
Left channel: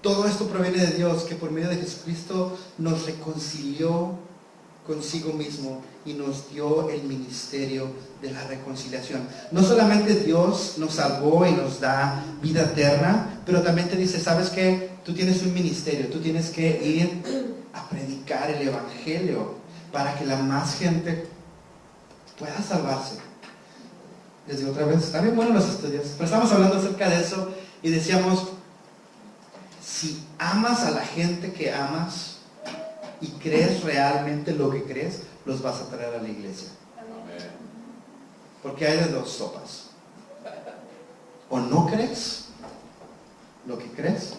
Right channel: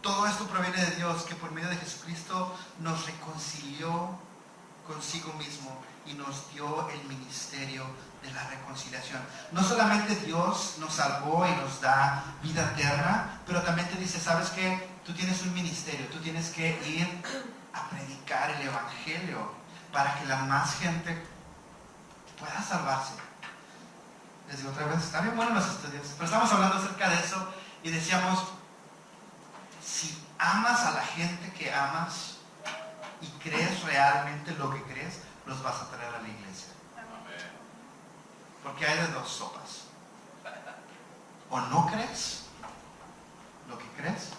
todo esto proviene de Dios, que por medio de Jesucristo nos reconcilió consigo mismo y nos dio el ministerio de la reconciliación. No solamente Dios nos salvó y nos da vida eterna, pero también te dice, ¿sabes qué? Tú tienes un ministerio, tú tienes que ir a predicar el evangelio para que la más gente pueda salvarse. Les digo otra vez, está bien bueno los estudios, pero estamos hablando acerca de eso y decíamos, si amas a la gente que amas y crees realmente lo que crees, los vas a traer a la iglesia. Amén. Porque hay de dos sopas. O no crees lo que crees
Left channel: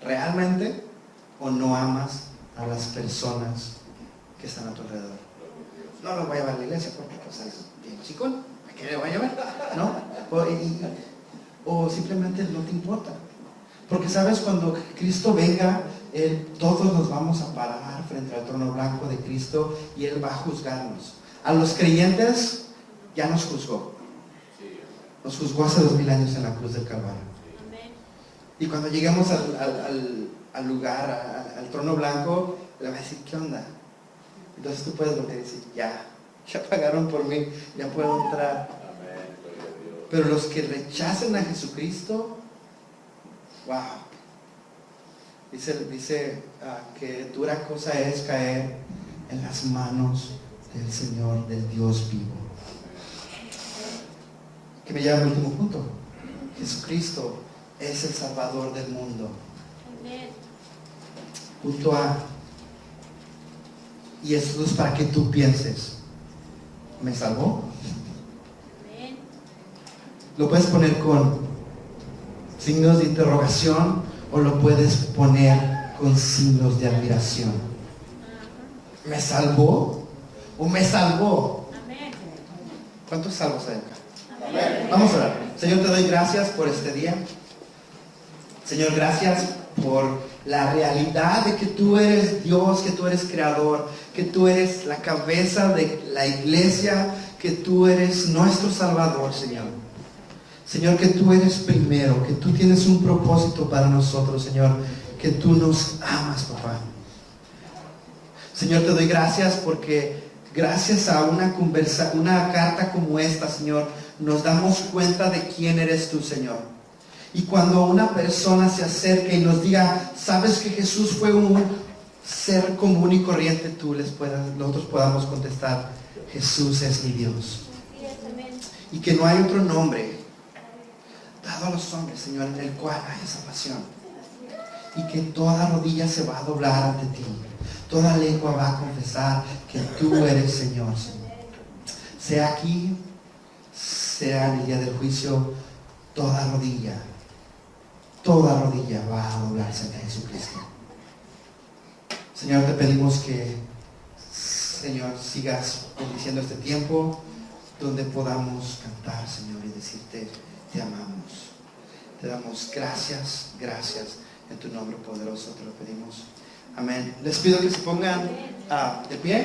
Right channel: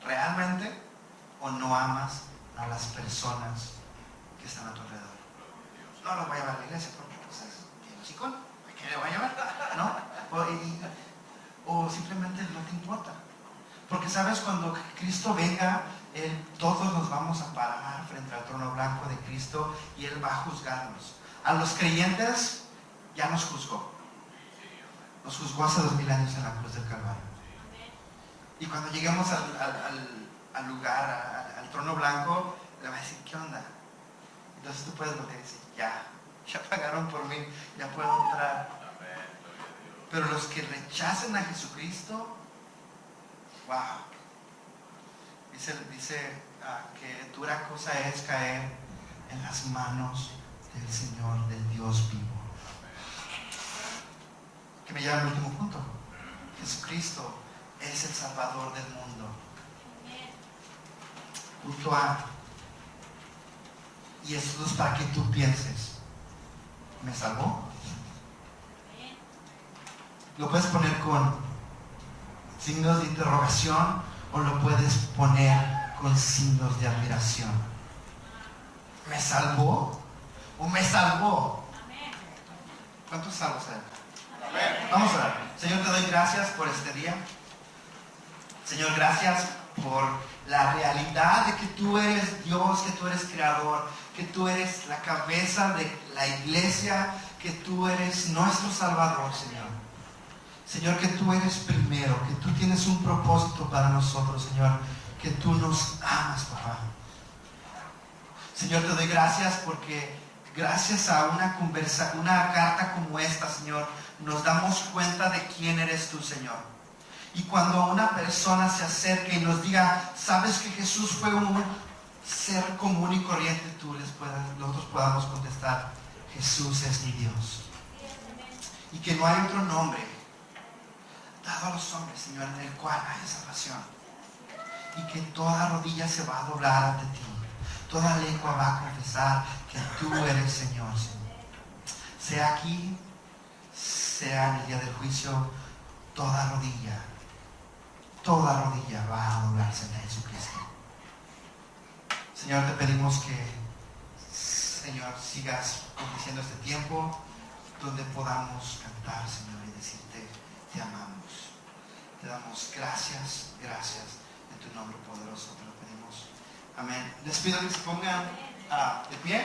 realmente, o no amas a las personas que están a tu alrededor. No los voy a llevar a la iglesia porque pues, es bien chicón. ¿A qué le voy a llevar? ¿No? O simplemente no te importa. Porque sabes, cuando Cristo venga, todos nos vamos a parar frente al trono blanco de Cristo y Él va a juzgarnos. A los creyentes ya nos juzgó. Nos juzgó hace 2000 años en la cruz del Calvario. Y cuando lleguemos al lugar, al trono blanco, le va a decir, ¿qué onda? Entonces tú puedes volver y decir, ya pagaron por mí, ya puedo entrar. Amén, gloria a Dios. Pero los que rechacen a Jesucristo, wow. Dice que dura cosa es caer en las manos del Señor, del Dios vivo. Que me lleva al último punto. Jesucristo es el Salvador del mundo. Punto A. Y esto es para que tú pienses, ¿me salvó? Lo puedes poner con signos de interrogación o lo puedes poner con signos de admiración. ¿Me salvó o me salvó? ¿Cuántos salvos hay acá? Vamos a orar. Señor, te doy gracias por este día. Señor, gracias por la realidad de que tú eres Dios, que tú eres creador, que tú eres la cabeza de la iglesia, que tú eres nuestro Salvador, Señor. Señor, que tú eres primero, que tú tienes un propósito para nosotros, Señor, que tú nos amas, papá. Señor, te doy gracias porque gracias a una carta como esta, Señor, nos damos cuenta de quién eres tú, Señor. Y cuando una persona se acerque y nos diga, sabes que Jesús fue un ser común y corriente, nosotros podamos contestar, Jesús es mi Dios. Y que no hay otro nombre dado a los hombres, Señor, en el cual hay salvación. y que toda rodilla se va a doblar ante ti. Toda lengua va a confesar que tú eres Señor, Señor. Sea aquí, sea en el día del juicio, toda rodilla va a doblarse ante Jesucristo. Señor, te pedimos que, Señor, sigas bendiciendo este tiempo donde podamos cantar, Señor, y decirte, te amamos. Te damos gracias, gracias. En tu nombre poderoso te lo pedimos. Amén. Les pido que se pongan de pie.